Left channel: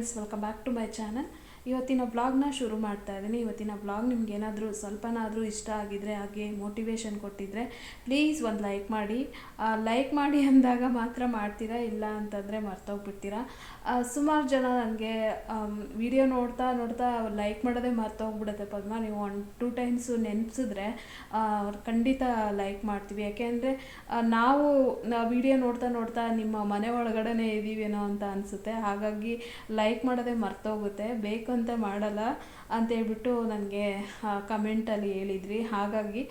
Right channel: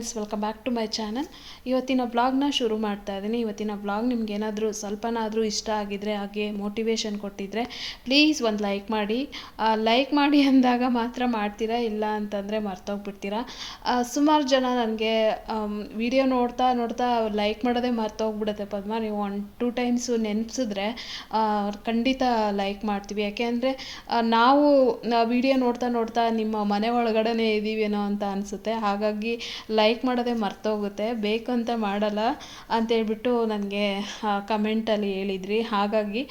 Friends welcome back to my channel ಇವತ್ತಿನ ಬ್ಲಾಗ್ನ ಶುರು ಮಾಡ್ತಾ ಇದ್ದೀನಿ. ಇವತ್ತಿನ ಬ್ಲಾಗ್ ನಿಮ್ಗೆ ಏನಾದರೂ ಸ್ವಲ್ಪನಾದರೂ ಇಷ್ಟ ಆಗಿದರೆ, ಹಾಗೆ ಮೋಟಿವೇಶನ್ ಕೊಟ್ಟಿದ್ದರೆ ಪ್ಲೀಸ್ ಒಂದು ಲೈಕ್ ಮಾಡಿ. ಲೈಕ್ ಮಾಡಿ ಅಂದಾಗ ಮಾತ್ರ ಮಾಡ್ತೀರಾ? ಇಲ್ಲ ಅಂತಂದರೆ ಮರ್ತೋಗ್ಬಿಡ್ತೀರಾ? ಸುಮಾರು ಜನ ನನಗೆ ವಿಡಿಯೋ ನೋಡ್ತಾ ನೋಡ್ತಾ ಲೈಕ್ ಮಾಡೋದೇ ಮರ್ತೋಗ್ಬಿಡುತ್ತೆ ಪದ್ಮ. ನೀವು ಒನ್ ಟೂ ಟೈಮ್ಸು ನೆನೆಸಿದ್ರೆ ಖಂಡಿತ ಲೈಕ್ ಮಾಡ್ತೀವಿ. ಯಾಕೆಂದರೆ ನಾವು ವಿಡಿಯೋ ನೋಡ್ತಾ ನೋಡ್ತಾ ನಿಮ್ಮ ಮನೆ ಒಳಗಡೆನೇ ಇದ್ದೀವೇನೋ ಅಂತ ಅನಿಸುತ್ತೆ. ಹಾಗಾಗಿ ಲೈಕ್ ಮಾಡೋದೇ ಮರ್ತೋಗುತ್ತೆ ಬೇಕು ಅಂತ ಮಾಡಲ್ಲ ಅಂತೇಳ್ಬಿಟ್ಟು ನನಗೆ ಕಮೆಂಟಲ್ಲಿ ಹೇಳಿದ್ರಿ. ಹಾಗಾಗಿ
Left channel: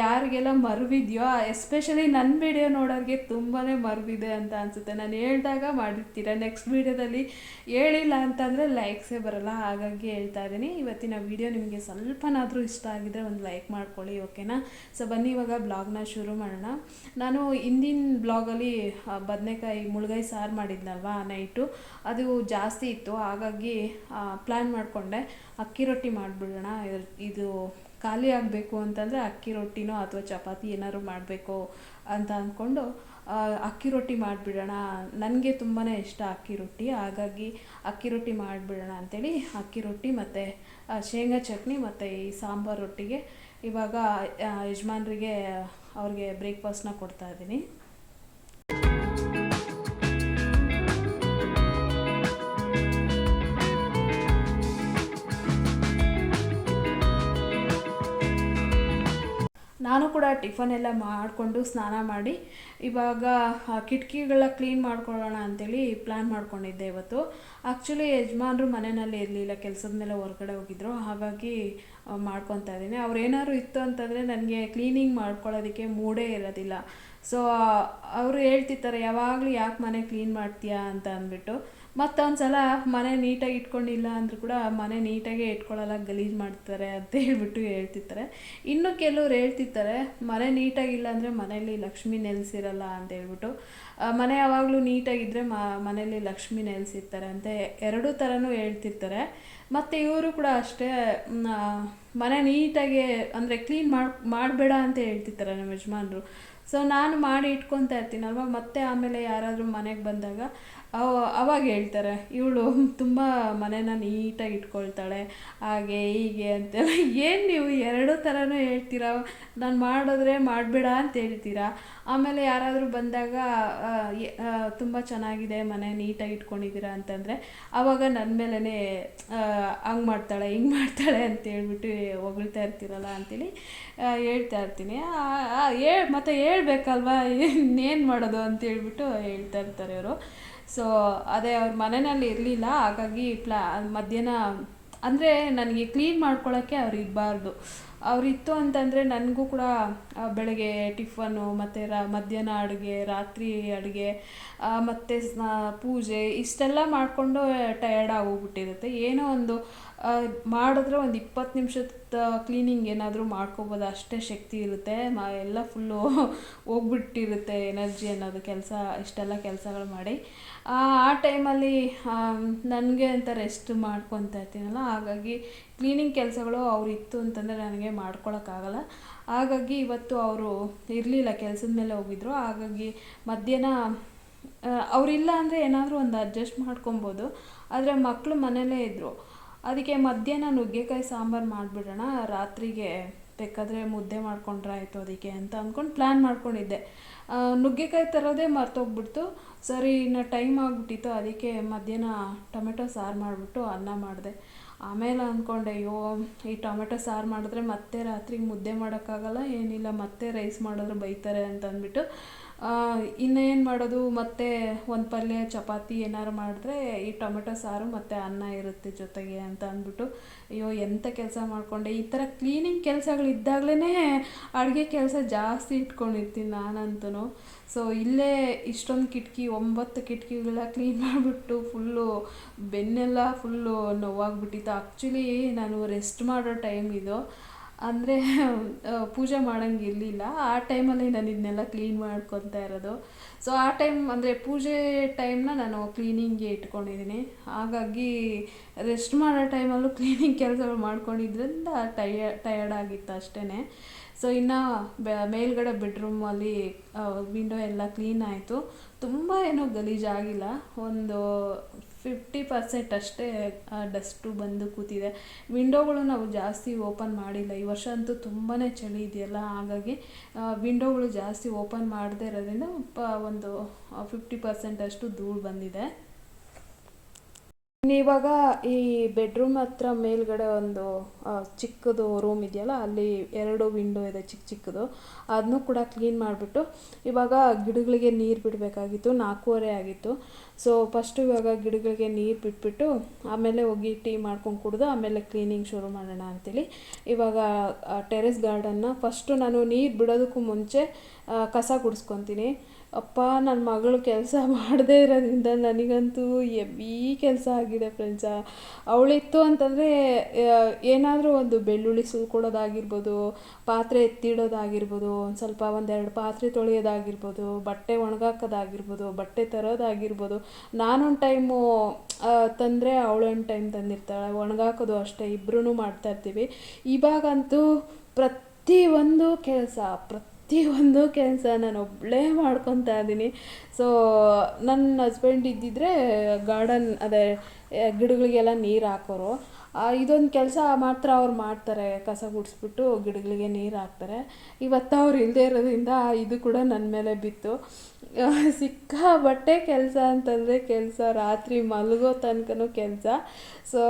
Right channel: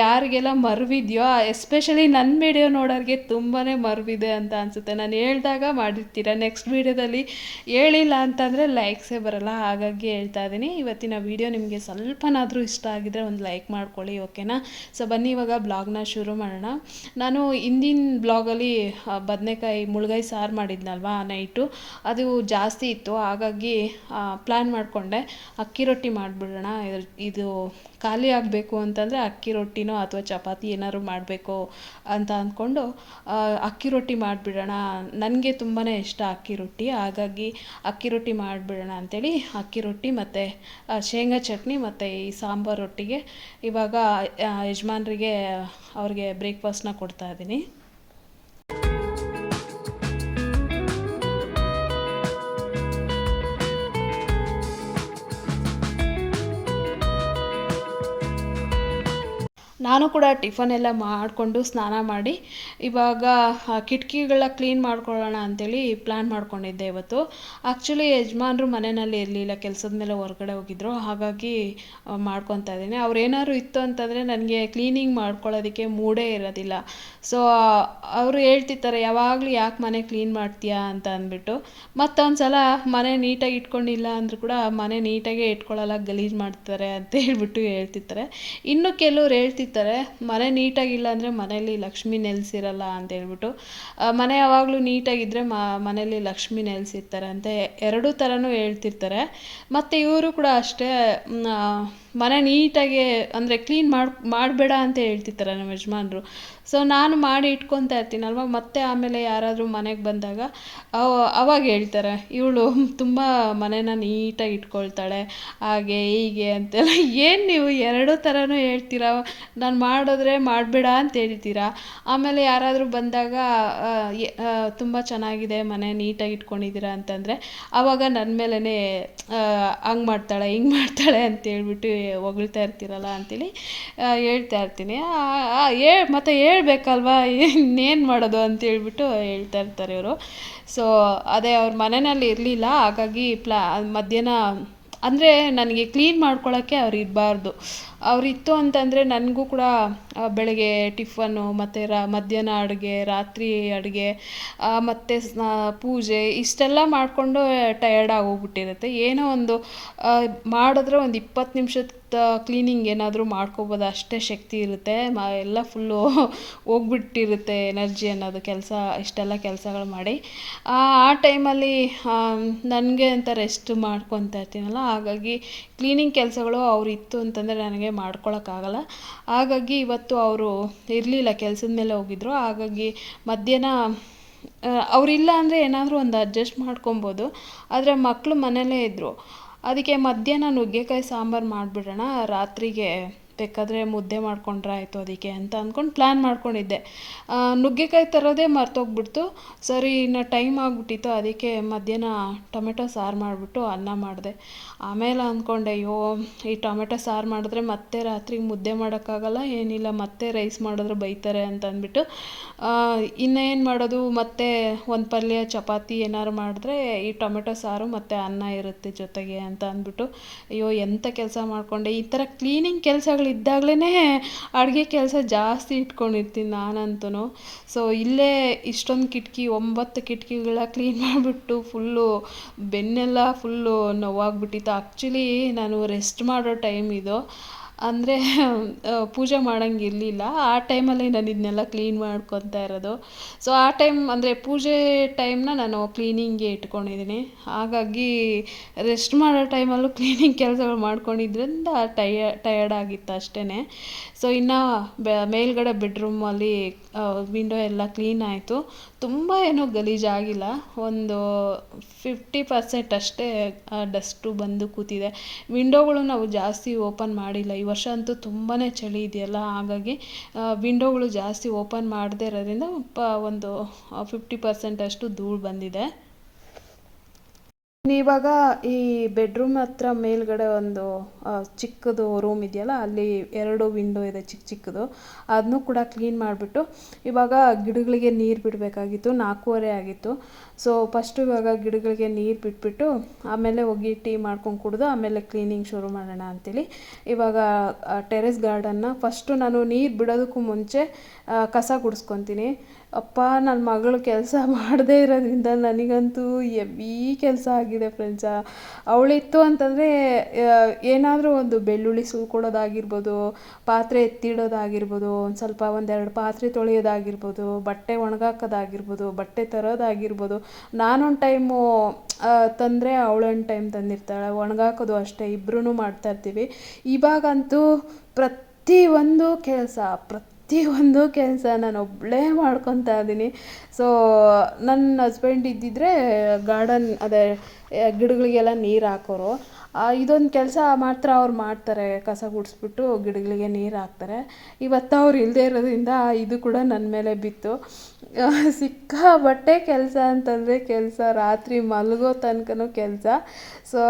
ಯಾರಿಗೆಲ್ಲ ಮರುವಿದೆಯೋ ಎಸ್ಪೆಷಲಿ ನನ್ನ ವಿಡಿಯೋ ನೋಡೋರಿಗೆ ತುಂಬಾ ಮರುವಿದೆ ಅಂತ ಅನಿಸುತ್ತೆ. ನಾನು ಹೇಳ್ದಾಗ ಮಾಡಿರ್ತೀರ ನೆಕ್ಸ್ಟ್ ವೀಡಿಯೋದಲ್ಲಿ ಹೇಳಿಲ್ಲ ಅಂತಂದರೆ ಲೈಕ್ಸೇ ಬರಲ್ಲ. ಹಾಗಾಗಿ ಹೇಳ್ತಾ ಇದ್ದೀನಿ. ಇವತ್ತಿನ ವಿಡಿಯೋ ನಿಮಗೆ ಸ್ವಲ್ಪನಾದರೂ ಇಷ್ಟ ಆಗಿದ್ರೆ ಒಂದು ಲೈಕ್ ಮಾಡ್ಕೊಳ್ಳಿ ಓಕೆನಾ ಸೊ ಬನ್ನಿ ಇವಾಗ ಬ್ಲಾಗ್ನ ಶುರು ಮಾಡೋಣ. ನಾನು ಹಿಂದಿನ ಬ್ಲಾಗಲ್ಲಿ ಬದನೆಕಾಯಿ ಮುಳುಗಾಯಿ ಸಾರು ಮಾಡಿದ್ನಲ್ವಾ ನೈಟು ಅದು ಜಾಸ್ತಿ ಇತ್ತು. ಹಾಗಾಗಿ ಪ್ಲ್ಯಾನ್ ಮಾಡಿಕೊಂಡೆ. ಅಕ್ಕಿ ರೊಟ್ಟಿ ಮಾಡಿಬಿಡೋಣ. ಇದು ಖಾಲಿ ಆಗಬೇಕು ಅಂತಂದರೆ ಅಕ್ಕಿ ರೊಟ್ಟಿನೋ ಅಥವಾ ಚಪಾತಿ ಏನಾದ್ರು ಮಾಡಬೇಕು ಅಂತ ಅಂದ್ಕೊಂಡು ಅಕ್ಕಿ ರೊಟ್ಟಿ ಮಾಡಿಬಿಡೋಣ. ನನಗೆ ತುಂಬಾ ಇಷ್ಟ ಅಕ್ಕಿ ರೊಟ್ಟಿ. ಹಾಗಾಗಿ ಅಕ್ಕಿ ರೊಟ್ಟಿ ಮಾಡಿಬಿಡೋಣ ಅಂಥೇಳಿ ಅಕ್ಕಿ ರೊಟ್ಟಿ ಮತ್ತು ಶೇಂಗಾ ಚಟ್ನಿ ಮತ್ತು ಈ ಸಾಂಬಾರು ರೊಟ್ಟಿಗೆ ಇವಾಗ ಯಜಮಾನ್ರಿಗೆ ಅವ್ರಿಗೆ ಬ್ರೇಕ್ಫಾಸ್ಟ್ನ ಕೊಡ್ತಾ ನಾನು ಕೂಡ ಟಿಫನ್ ಎಲ್ಲ ಮಾಡಿಕೊಂಡು ಸ್ನಾನ ಮಾಡಿ ಇವಾಗ ಕಿಟಕಿಗಳ ಕ್ಲೀನ್ ಮಾಡ್ಕೊಳ್ಳೋಣ ಅಂತೇಳಿ ಪ್ಲ್ಯಾನ್ ಮಾಡ್ಕೊಂಡಿದ್ದೆ ಇವತ್ತು. ಆ್ಯಕ್ಚುಲಿ ಯಜಮಾನ್ರು ಮನೆಯಲ್ಲಿ ಇರಲಿಲ್ಲ, ಕೆಲಸದ ಮೇಲೆ ಹೊರಗಡೆ ಹೋಗಿದ್ರು. ಹಾಗಾಗಿ ಮಾಡ್ಕೊತಾ ಇದ್ದೀನಿ. ಅವ್ರು ಏನಾದ್ರು ಇತ್ತು ಅಂತಂದರೆ ನನಗೆ ಕ್ಲೀನಿಂಗ್ ಮಾಡ್ಕೊಳ್ಳೋದಕ್ಕೆ ಮೂಡೇ ಇರೋದಿಲ್ಲ. ಸೊ ಅವರು ಹೇಳ್ತಿರ್ತಾರೆ, ಯಾವಾಗಲೂ ಯಾಕೆ ಮನೆ ಕ್ಲೀನ್ ಮಾಡ್ತೀಯಾ? ಅಂತ ಅಂದ್ಬಿಟ್ಟು. ಮತ್ತೊಂದು ಸಲ ಮನೆ ನೀಟಾಗಿ ಇಟ್ಕೊಂಡಿಲ್ಲ ಅಂದರೂ ಕೂಡ ಮನೆ ನೀಟಾಗೇ ಇಟ್ಕೊಳ್ಳಲ್ಲ, ಗಲೀಜು ಮಾಡ್ತಾರೆ ಅಂತ ಹೇಳ್ಬಿಟ್ಟು ಹೇಳ್ತಿರ್ತಾರೆ. ಇನ್ನು ಕೆಲವ್ರು ಹೇಳ್ತಿರ್ತಾರೆ, ಮನೆ ನೀಟಾಗಿಲ್ಲ ಅಂದರೆ ಮನೇಲಿ ಲಕ್ಷ್ಮಿ ನೆಲೆಸಿರಲ್ಲ ಅಂತ ಹೇಳ್ಬಿಟ್ಟು. ಮನೆ ಯಾವಾಗಲೂ ನೀಟಾಗಿದ್ದರೆ ಮ ಮನೇಲಿ ಲಕ್ಷ್ಮಿ ನೆಲೆಸಿರ್ತಾರೆ ಅಂತ ಎರಡೂ ಥರನೂ ಹೇಳ್ತಿರ್ತಾರೆ. ಮತ್ತು ಇವರು ಕೂಡ ಅಷ್ಟೇ ಮನೆ ನೀಟಾಗಿ ಅಂದರೆ ಕ್ಲೀನ್ ಮಾಡಿ, ಮಾಡಬೇಡ ಅಂತ ಹೇಳ್ತಿರ್ತಾರೆ ನಮ್ಮ ಯಜಮಾನ್ರು. ಸೊ ನಾನು ಮಾಡಿ ಇಟ್ಕೊತಾ ಇರ್ತೀನಲ್ವ? ಮತ್ತೆ ಆಮೇಲೆ ಯಾರಾದರೂ ಮನೆಗೆ ಬಂದಾಗ, ಅವ- ಅವಾಗ ಹೇಳ್ತಾರೆ, ಇವಳು ತುಂಬ ಮನೇನ ನೀಟಾಗಿ ಇಟ್ಕೊಳ್ತಾಳೆ, ಹಾಗೆ ಹೀಗೆ ಅಂತೆಲ್ಲ. ಏನು ನೀವು ಎರಡೂ ಥರನೂ ಹೇಳ್ತೀರಾ? ನಾನು ಮಾಡಿದ್ರೆ ಮಾಡಬೇಡ ಅಂತ ಹೇಳ್ತೀರಾ? ಆಮೇಲೆ ಯಾರಾದರೂ ಬಂದಾಗ ತುಂಬ ಚೆನ್ನಾಗಿದೆ, ಮನೆ ನೀಟಾಗಿ ಇಟ್ಕೊಂಡಿದ್ದೀರಾ? ಅಂತಂದರೆ ಆವಾಗ ನನ್ನ ಮೇಲೇ ಹಂಗೆ ಮಾಡ್ತಾಳೆ, ಹಿಂಗೆ ಮಾಡ್ತಾಳೆ ಅಂತ ಹೇಳ್ಬಿಟ್ಟು ಹೊಗಳ್ತಾ ಇರ್ತೀರಲ್ಲ ಅಂತೇಳಿ ಹೇಳ್ತಾ ಇರ್ತೀನಿ. ಮತ್ತು ಹೇಳ್ ಹೇಳ್ಬೇಕಲ್ವಾ? ಇನ್ನೇನು ಮಾಡೋದು ಅಂತ ಹೇಳ್ಬಿಟ್ಟು ಹೇಳ್ತಾ ಇರ್ತಾರೆ ಇವರು. ಸೊ ಅದೇ ಅವ್ರ ಮನೆಯಲ್ಲಿ ಇರಲಿಲ್ಲ. ಹಾಗಾಗಿ ಪ್ಲಾ ಮಧ್ಯಾಹ್ನ, ಅಂದರೆ ನನಗೆ ಕ್ಲೀನ್ ಮಾಡ್ಕೊಳ್ಳೋಕ್ಕೆ ಅವ್ರು ಇರಬಾರ್ದು. ಅವರಿತ್ತು ಅಂತಂದರೆ ನನಗೂ ಕೂಡ ಬೆಳಗ್ಗೆ ಟಿಫನ್ನು ಮತ್ತು ರಾ, ಮಧ್ಯಾಹ್ನ ಅಡುಗೆ, ರಾತ್ರಿ ಅಡುಗೆ ಮತ್ತು ಪೂಜೆ ಇಷ್ಟೆಲ್ಲ ಮಾಡಿಕೊಂಡು ಟಯರ್ಡ್ ಆಗೋಗ್ಬಿಟ್ಟಿರುತ್ತೆ. ಏನೋ ಒಂದು ಮಾಡಿದ್ರೆ ಒಂದು ಇಪ್ಪತ್ತು ನಿಮಿಷದ ಕ್ಲೀನಿಂಗ್ ಏನಾದರೂ ಮಾಡ್ಕೋಬೋದು, ಅಷ್ಟೇ ಶಕ್ತಿ ಇರುತ್ತೆ. ಮ, ಎಲ್ಲ ಫುಲ್ಲು ಹೋಗ್ಬಿಟ್ಟಿರುತ್ತೆ ಎನರ್ಜಿ ಅನ್ನೋದು ಕೆಲಸ, ಇಷ್ಟೆಲ್ಲ ಕೆಲಸಗಳು ಮಾಡಿ. ಆ ಟೈಮಲ್ಲಿ ನನಗೆ ಅಂತ ರೆಸ್ಟ್ ಮಾಡ್ಕೊತಾ ಇರ್ತೀನಲ್ಲ, ಹಾಗಾಗಿ ಕ್ಲೀನಿಂಗ್ ಕೆಲಸಗಳು ಅವ್ರು ಇತ್ತು ಅಂತಂದರೆ ನನಗೆ ಮಾಡ್ಕೊಳಕ್ಕಾಗಲ್ಲ. ಹಾಗಾಗಿ ಇವತ್ತು ಅವರು ಇರಲಿಲ್ಲ ಕೆಲಸದ ಮೇಲೆ ಹೋಗಿದ್ರು. ಹಾಗಾಗಿ ಮಧ್ಯಾಹ್ನ ಅವರಿಲ್ಲ ಅಂದರೆ ಏನಾದರೂ ಒಂದು ಅಡ್ಜಸ್ಟ್ ಮಾಡ್ಕೊಬೋದು. ಆದರೆ ಮಕ್ಕಳು ಮನೇಲೇ ಇದ್ದರು ಅದಕ್ಕೆ ಮಧ್ಯಾಹ್ನ ನುಗ್ಗೆಕಾಯಿ ಸಾಂಬಾರು ಮಾಡಿಬಿಡೋಣ. ರಾತ್ರಿಗೆ ಬೇಕಾದರೆ ಮುದ್ದೆ ಮಾಡ್ಕೊಂಡ್ರೆ ಆಯಿತು ಅದಕ್ಕೆ ಅಂತ ಅಂದ್ಕೊಂಡು ಪ್ಲ್ಯಾನ್ ಮಾಡ್ಕೊಂಡಿದ್ದೆ. ನುಗ್ಗೆಕಾಯಿ ತರೋದೇ ಮರ್ತೋಗ್ಬಿಡ್ತು. ಸರಿ, ಇನ್ನು ಟೈಮ್ ಆಗಿಬಿಟ್ಟಿತ್ತು. ಅದಕ್ಕೆ ಮಧ್ಯಾಹ್ನ ಟೊಮೆಟೊ ಸಾರು ಮಾಡಿಬಿಟ್ಟು ಅನ್ನ ಮಾಡಿದೆ. ಆಮೇಲೆ ಅಂದ್ಕೊಂಡೆ, ಅಯ್ಯೋ, ಈ ಟೊಮೆಟೊ ಸಾರು ಮಾಡಿದ್ರೆ ಮತ್ತೆ ರಾತ್ರಿಗೆ ಮುದ್ದೆ ಮಾಡೋಕ್ಕಾಗಲ್ಲ, ಏನಿಲ್ಲ, ಮತ್ತೆ ರೈಸ್ ಮಾಡಿದ್ರೆ ಬೈತಾರೆ ಅಂತ ಅಂದ್ಬಿಟ್ಟು ಇನ್ನೇನು ಮಾಡೋದು? ಮತ್ತೆ ಒಂದು ಪಲ್ಯ, ಚಪಾತಿ ಏನಾರು ಮಾಡಿದ್ರೆ ಈ ಟೊಮೆಟೊ ಸಾರು ಮತ್ತು ಅನ್ನ ಇರುತ್ತೆ ಜೊತೆಗೆ ಅಂತ ಅಂದ್ಬಿಟ್ಟು, ಅಯ್ಯೋ ಎಂಥ ಕೆಲಸ ಮಾಡಿಕೊಂಡೆ? ಈ ಥರ ಕ್ಲೀನಿಂಗ್ ಕೆಲಸಗಳಿದ್ದಾಗಲೇ ಅಡುಗೆ ಕೆಲಸ ಜಾಸ್ತಿ ಇಟ್ಕೊಂಡಿರ್ತೀನಿ ನಾನಂತೂ ಸೊ ಇಲ್ಲೇ ಇಷ್ಟೊಂದು ಕಿಟಕಿ, ಒಂಬತ್ತು ಕಿಟಕಿಗಳ ಕ್ಲೀನ್ ಮಾಡಿಬಿಟ್ಟು ಫುಲ್ಲು ಬೆನ್ನೆಲ್ಲ ಫುಲ್ಲು ನೋವಾಗ್ಬಿಟ್ಟಿತ್ತು. ಆ್ಯಕ್ಚುಲಿ ನಾನು ರೆಸ್ಟ್ ಮಾಡೋ ಟೈಮ್ ಇದು. ಅಂದರೆ ಪೂಜೆ ಮಾಡೋಂಗಿರಲಿಲ್ಲ ಆ ಟೈಮಲ್ಲಿ ನಾನು ಇದನ್ನೆಲ್ಲ ಕ್ಲೀನ್ ಮಾಡ್ಕೊತಾ ಇರೋದು. ಸೊ ಆ ಟೈಮ್ ಅಂದರೆ ಪೂಜೆ ಟೈಮ್ನ ನಾನು ಕ್ಲೀನಿಂಗ್ಗೆ ಇಟ್ಕೊಂಡಿದ್ದೀನಿ. ಹಾಗಾಗಿ ರೆಸ್ಟ್ ಮಾಡೋ ಟೈಮಲ್ಲೂ ಕ್ಲೀನಿಂಗ್ ಕೆಲಸಗಳು ಮಾಡ್ಕೊಂಡಿದ್ರಿಂದ ಟಯ ಟಯರ್ಡ್ ಆಗಿತ್ತು ಅಷ್ಟೇ ಸೊ ಇನ್ನು ಮೇಲ್ಗಡೆ ಬೆಡ್ರೂಮಲ್ಲಿ ವಿಂಡೋ ಎಲ್ಲ ಕ್ಲೀನ್ ಆಯಿತು. ತುಂಬ ಏನೂ ಗಲೀಜಾಗಿಲ್ಲ ಒಂದು ಫಿಫ್ಟಿ ಪರ್ಸೆಂಟ್ ಅಷ್ಟೇ ಡಸ್ಟು ಬಂದು ಕೂತಿದೆ. ವಿಂಡೋಗಳು ನಾವು ಜಾಸ್ತಿ ಓಪನ್ ಮಾಡಿಲ್ಲ. ಈ ವರ್ಷ ಅಂತೂ ತುಂಬಾ ಚಳಿ ಇದೆಯಲ್ಲ, ಹಾಗಾಗಿ ವಿಂಡೋಗಳು ಜಾಸ್ತಿ ಓಪನ್ ಮಾಡದೇ ಇರೋದ್ರಿಂದ ಒಂದು ಫಿಫ್ಟಿ ಪರ್ಸೆಂಟ್ ಅಷ್ಟು ಧೂಳು ಬಂದಿದೆ. ಇವಾಗ ಈ ಬೆಡ್ರೂಮ್ ಹತ್ರ ಮೇಲ್ಗಡೆ ಒಂದು ಚಿಕ್ಕದು ರೂಮ್ ಇದೆಯಲ್ಲ, ಅಲ್ಲಿ ಎರಡು ವಿಂಡೋ ಇದೆ ಚಿಕ್ಕ ಚಿಕ್ಕದು. ಅದನ್ನೂ ಕೂಡ ಕ್ಲೀನ್ ಮಾಡಿಬಿಟ್ಟು ಇವಾಗ ಗಿಡಗಳಿಗೆ ನೀರು ಬಿಡಬೇಕಾಗಿತ್ತು, ನಾಲ್ಕೂವರೆ ಆಗಿತ್ತು. ಸೊ ಫಸ್ಟು ಇವಾಗ ಗಿಡಗಳಿಗೆ ನೀರು ಬಿಟ್ಬಿಟ್ಟು ಆಮೇಲೆ ಹೋಗಿ ಟೀ ಮಾಡ್ಕೊಂಡು ಕುಡಿದು ಆಮೇಲೆ ಕ್ಲೀನಿಂಗ್ ಶುರು ಮಾಡೋಣ ಅಂತೇಳಿ ಇವಾಗ ಟೆರೆಸ್ ಗಾರ್ಡನ್ನ ಫಸ್ಟು ನಾನು ನೀರು ಬಿಡೋದಕ್ಕೂ ಮುಂಚೆ ಕಸ ಗುಡಿಸ್ಕೊತೀನಿ. ಅಪ್ಪ ನನ್ನ ಮಗಳು ಕೆಲಸ ಮಾಡದೇ ಇರೋದ್ರಿಂದ ನನಗಂತೂ ಎಬ್ಬಿ ಕೆಲಸ ಆಗಿದೆ ಫ್ರೆಂಡ್ಸ ಅವಳಿತ್ತು ಅಂತಂದರೆ ಏನಾದರೂ ಒಂದು ಬೆಳ್ಳುಳ್ಳಿ ಸುಲ್ಕೊಡೋದಾಗಿರ್ಬೋದು ಪಾತ್ರೆ ಎತ್ತಿಡೋದಾಗಿರ್ಬೋದು, ಒಂದು ಸ್ವಲ್ಪ ಒಂದೆರಡು ಪಾತ್ರೆ ತೊಳೆಯೋದಾಗಿರ್ಬೋದು, ಬಟ್ಟೆ ಒಣಗಾಕೋದಾಗಿರ್ಬೋದು, ಬಟ್ಟೆ ತರೋದಾಗಿರ್ಬೋದು. ನಾನೊಂದು ಟೈಮು ತಂದರೆ ಅವಳೊಂದು ಟೈಮ್ ತಂದಿರ್ತಾಳೆ. ಒಣಗಾಕೋದು ಅಷ್ಟೇ ಇಬ್ಬರೂ ಮಾಡ್ತಾಯಿರ್ತೀವಿ ಇವಾಗಂತೂ ಒಂದು ಕೆಲಸ, ಪ್ರತಿ ಪ್ರತಿಯೊಂದು ಕೆಲಸ ನಾನು ಒಬ್ಬಳೇ ಮಾಡ್ಕೊತಾ ಇದ್ದೀನಿ. ಸೊ ನನ್ನ ಹಸ್ಬೆಂಡ್ ಇದ್ದಿದ್ದರೆ ಗಾರ್ಡನ್ ಅದೇ ಗಿಡಗಳಿಗೆಲ್ಲ ನೀರು ಹಾಕೋರು. ಇದೊಂದು ಕೆಲಸ ಮಾತ್ರ ಅವ್ರು ಮಾಡ್ತಾರೆ, ಕಸ ಗುಡಿಸ್ಬಿಟ್ಟು ಗಿಡಗಳಿಗೆ ನೀರು ಹಾಕ್ತಾರೆ. ಇವತ್ತು ಅವ್ರು ಇಲ್ಲದೆ ಇರೋದ್ರಿಂದ ಇದು ಕೂಡ ನನ್ನ ಮೇಲೆ ಬಿತ್ತು. ಸಿಕ್ಕಾಪಟ್ಟೆ ಕೆಲಸ ಅಂತಂದರೆ ಕೆಲಸ, ರಾತ್ರಿ ಮಲಗೋ ತನಕನೂ ಕೆಲಸ. ಸೊ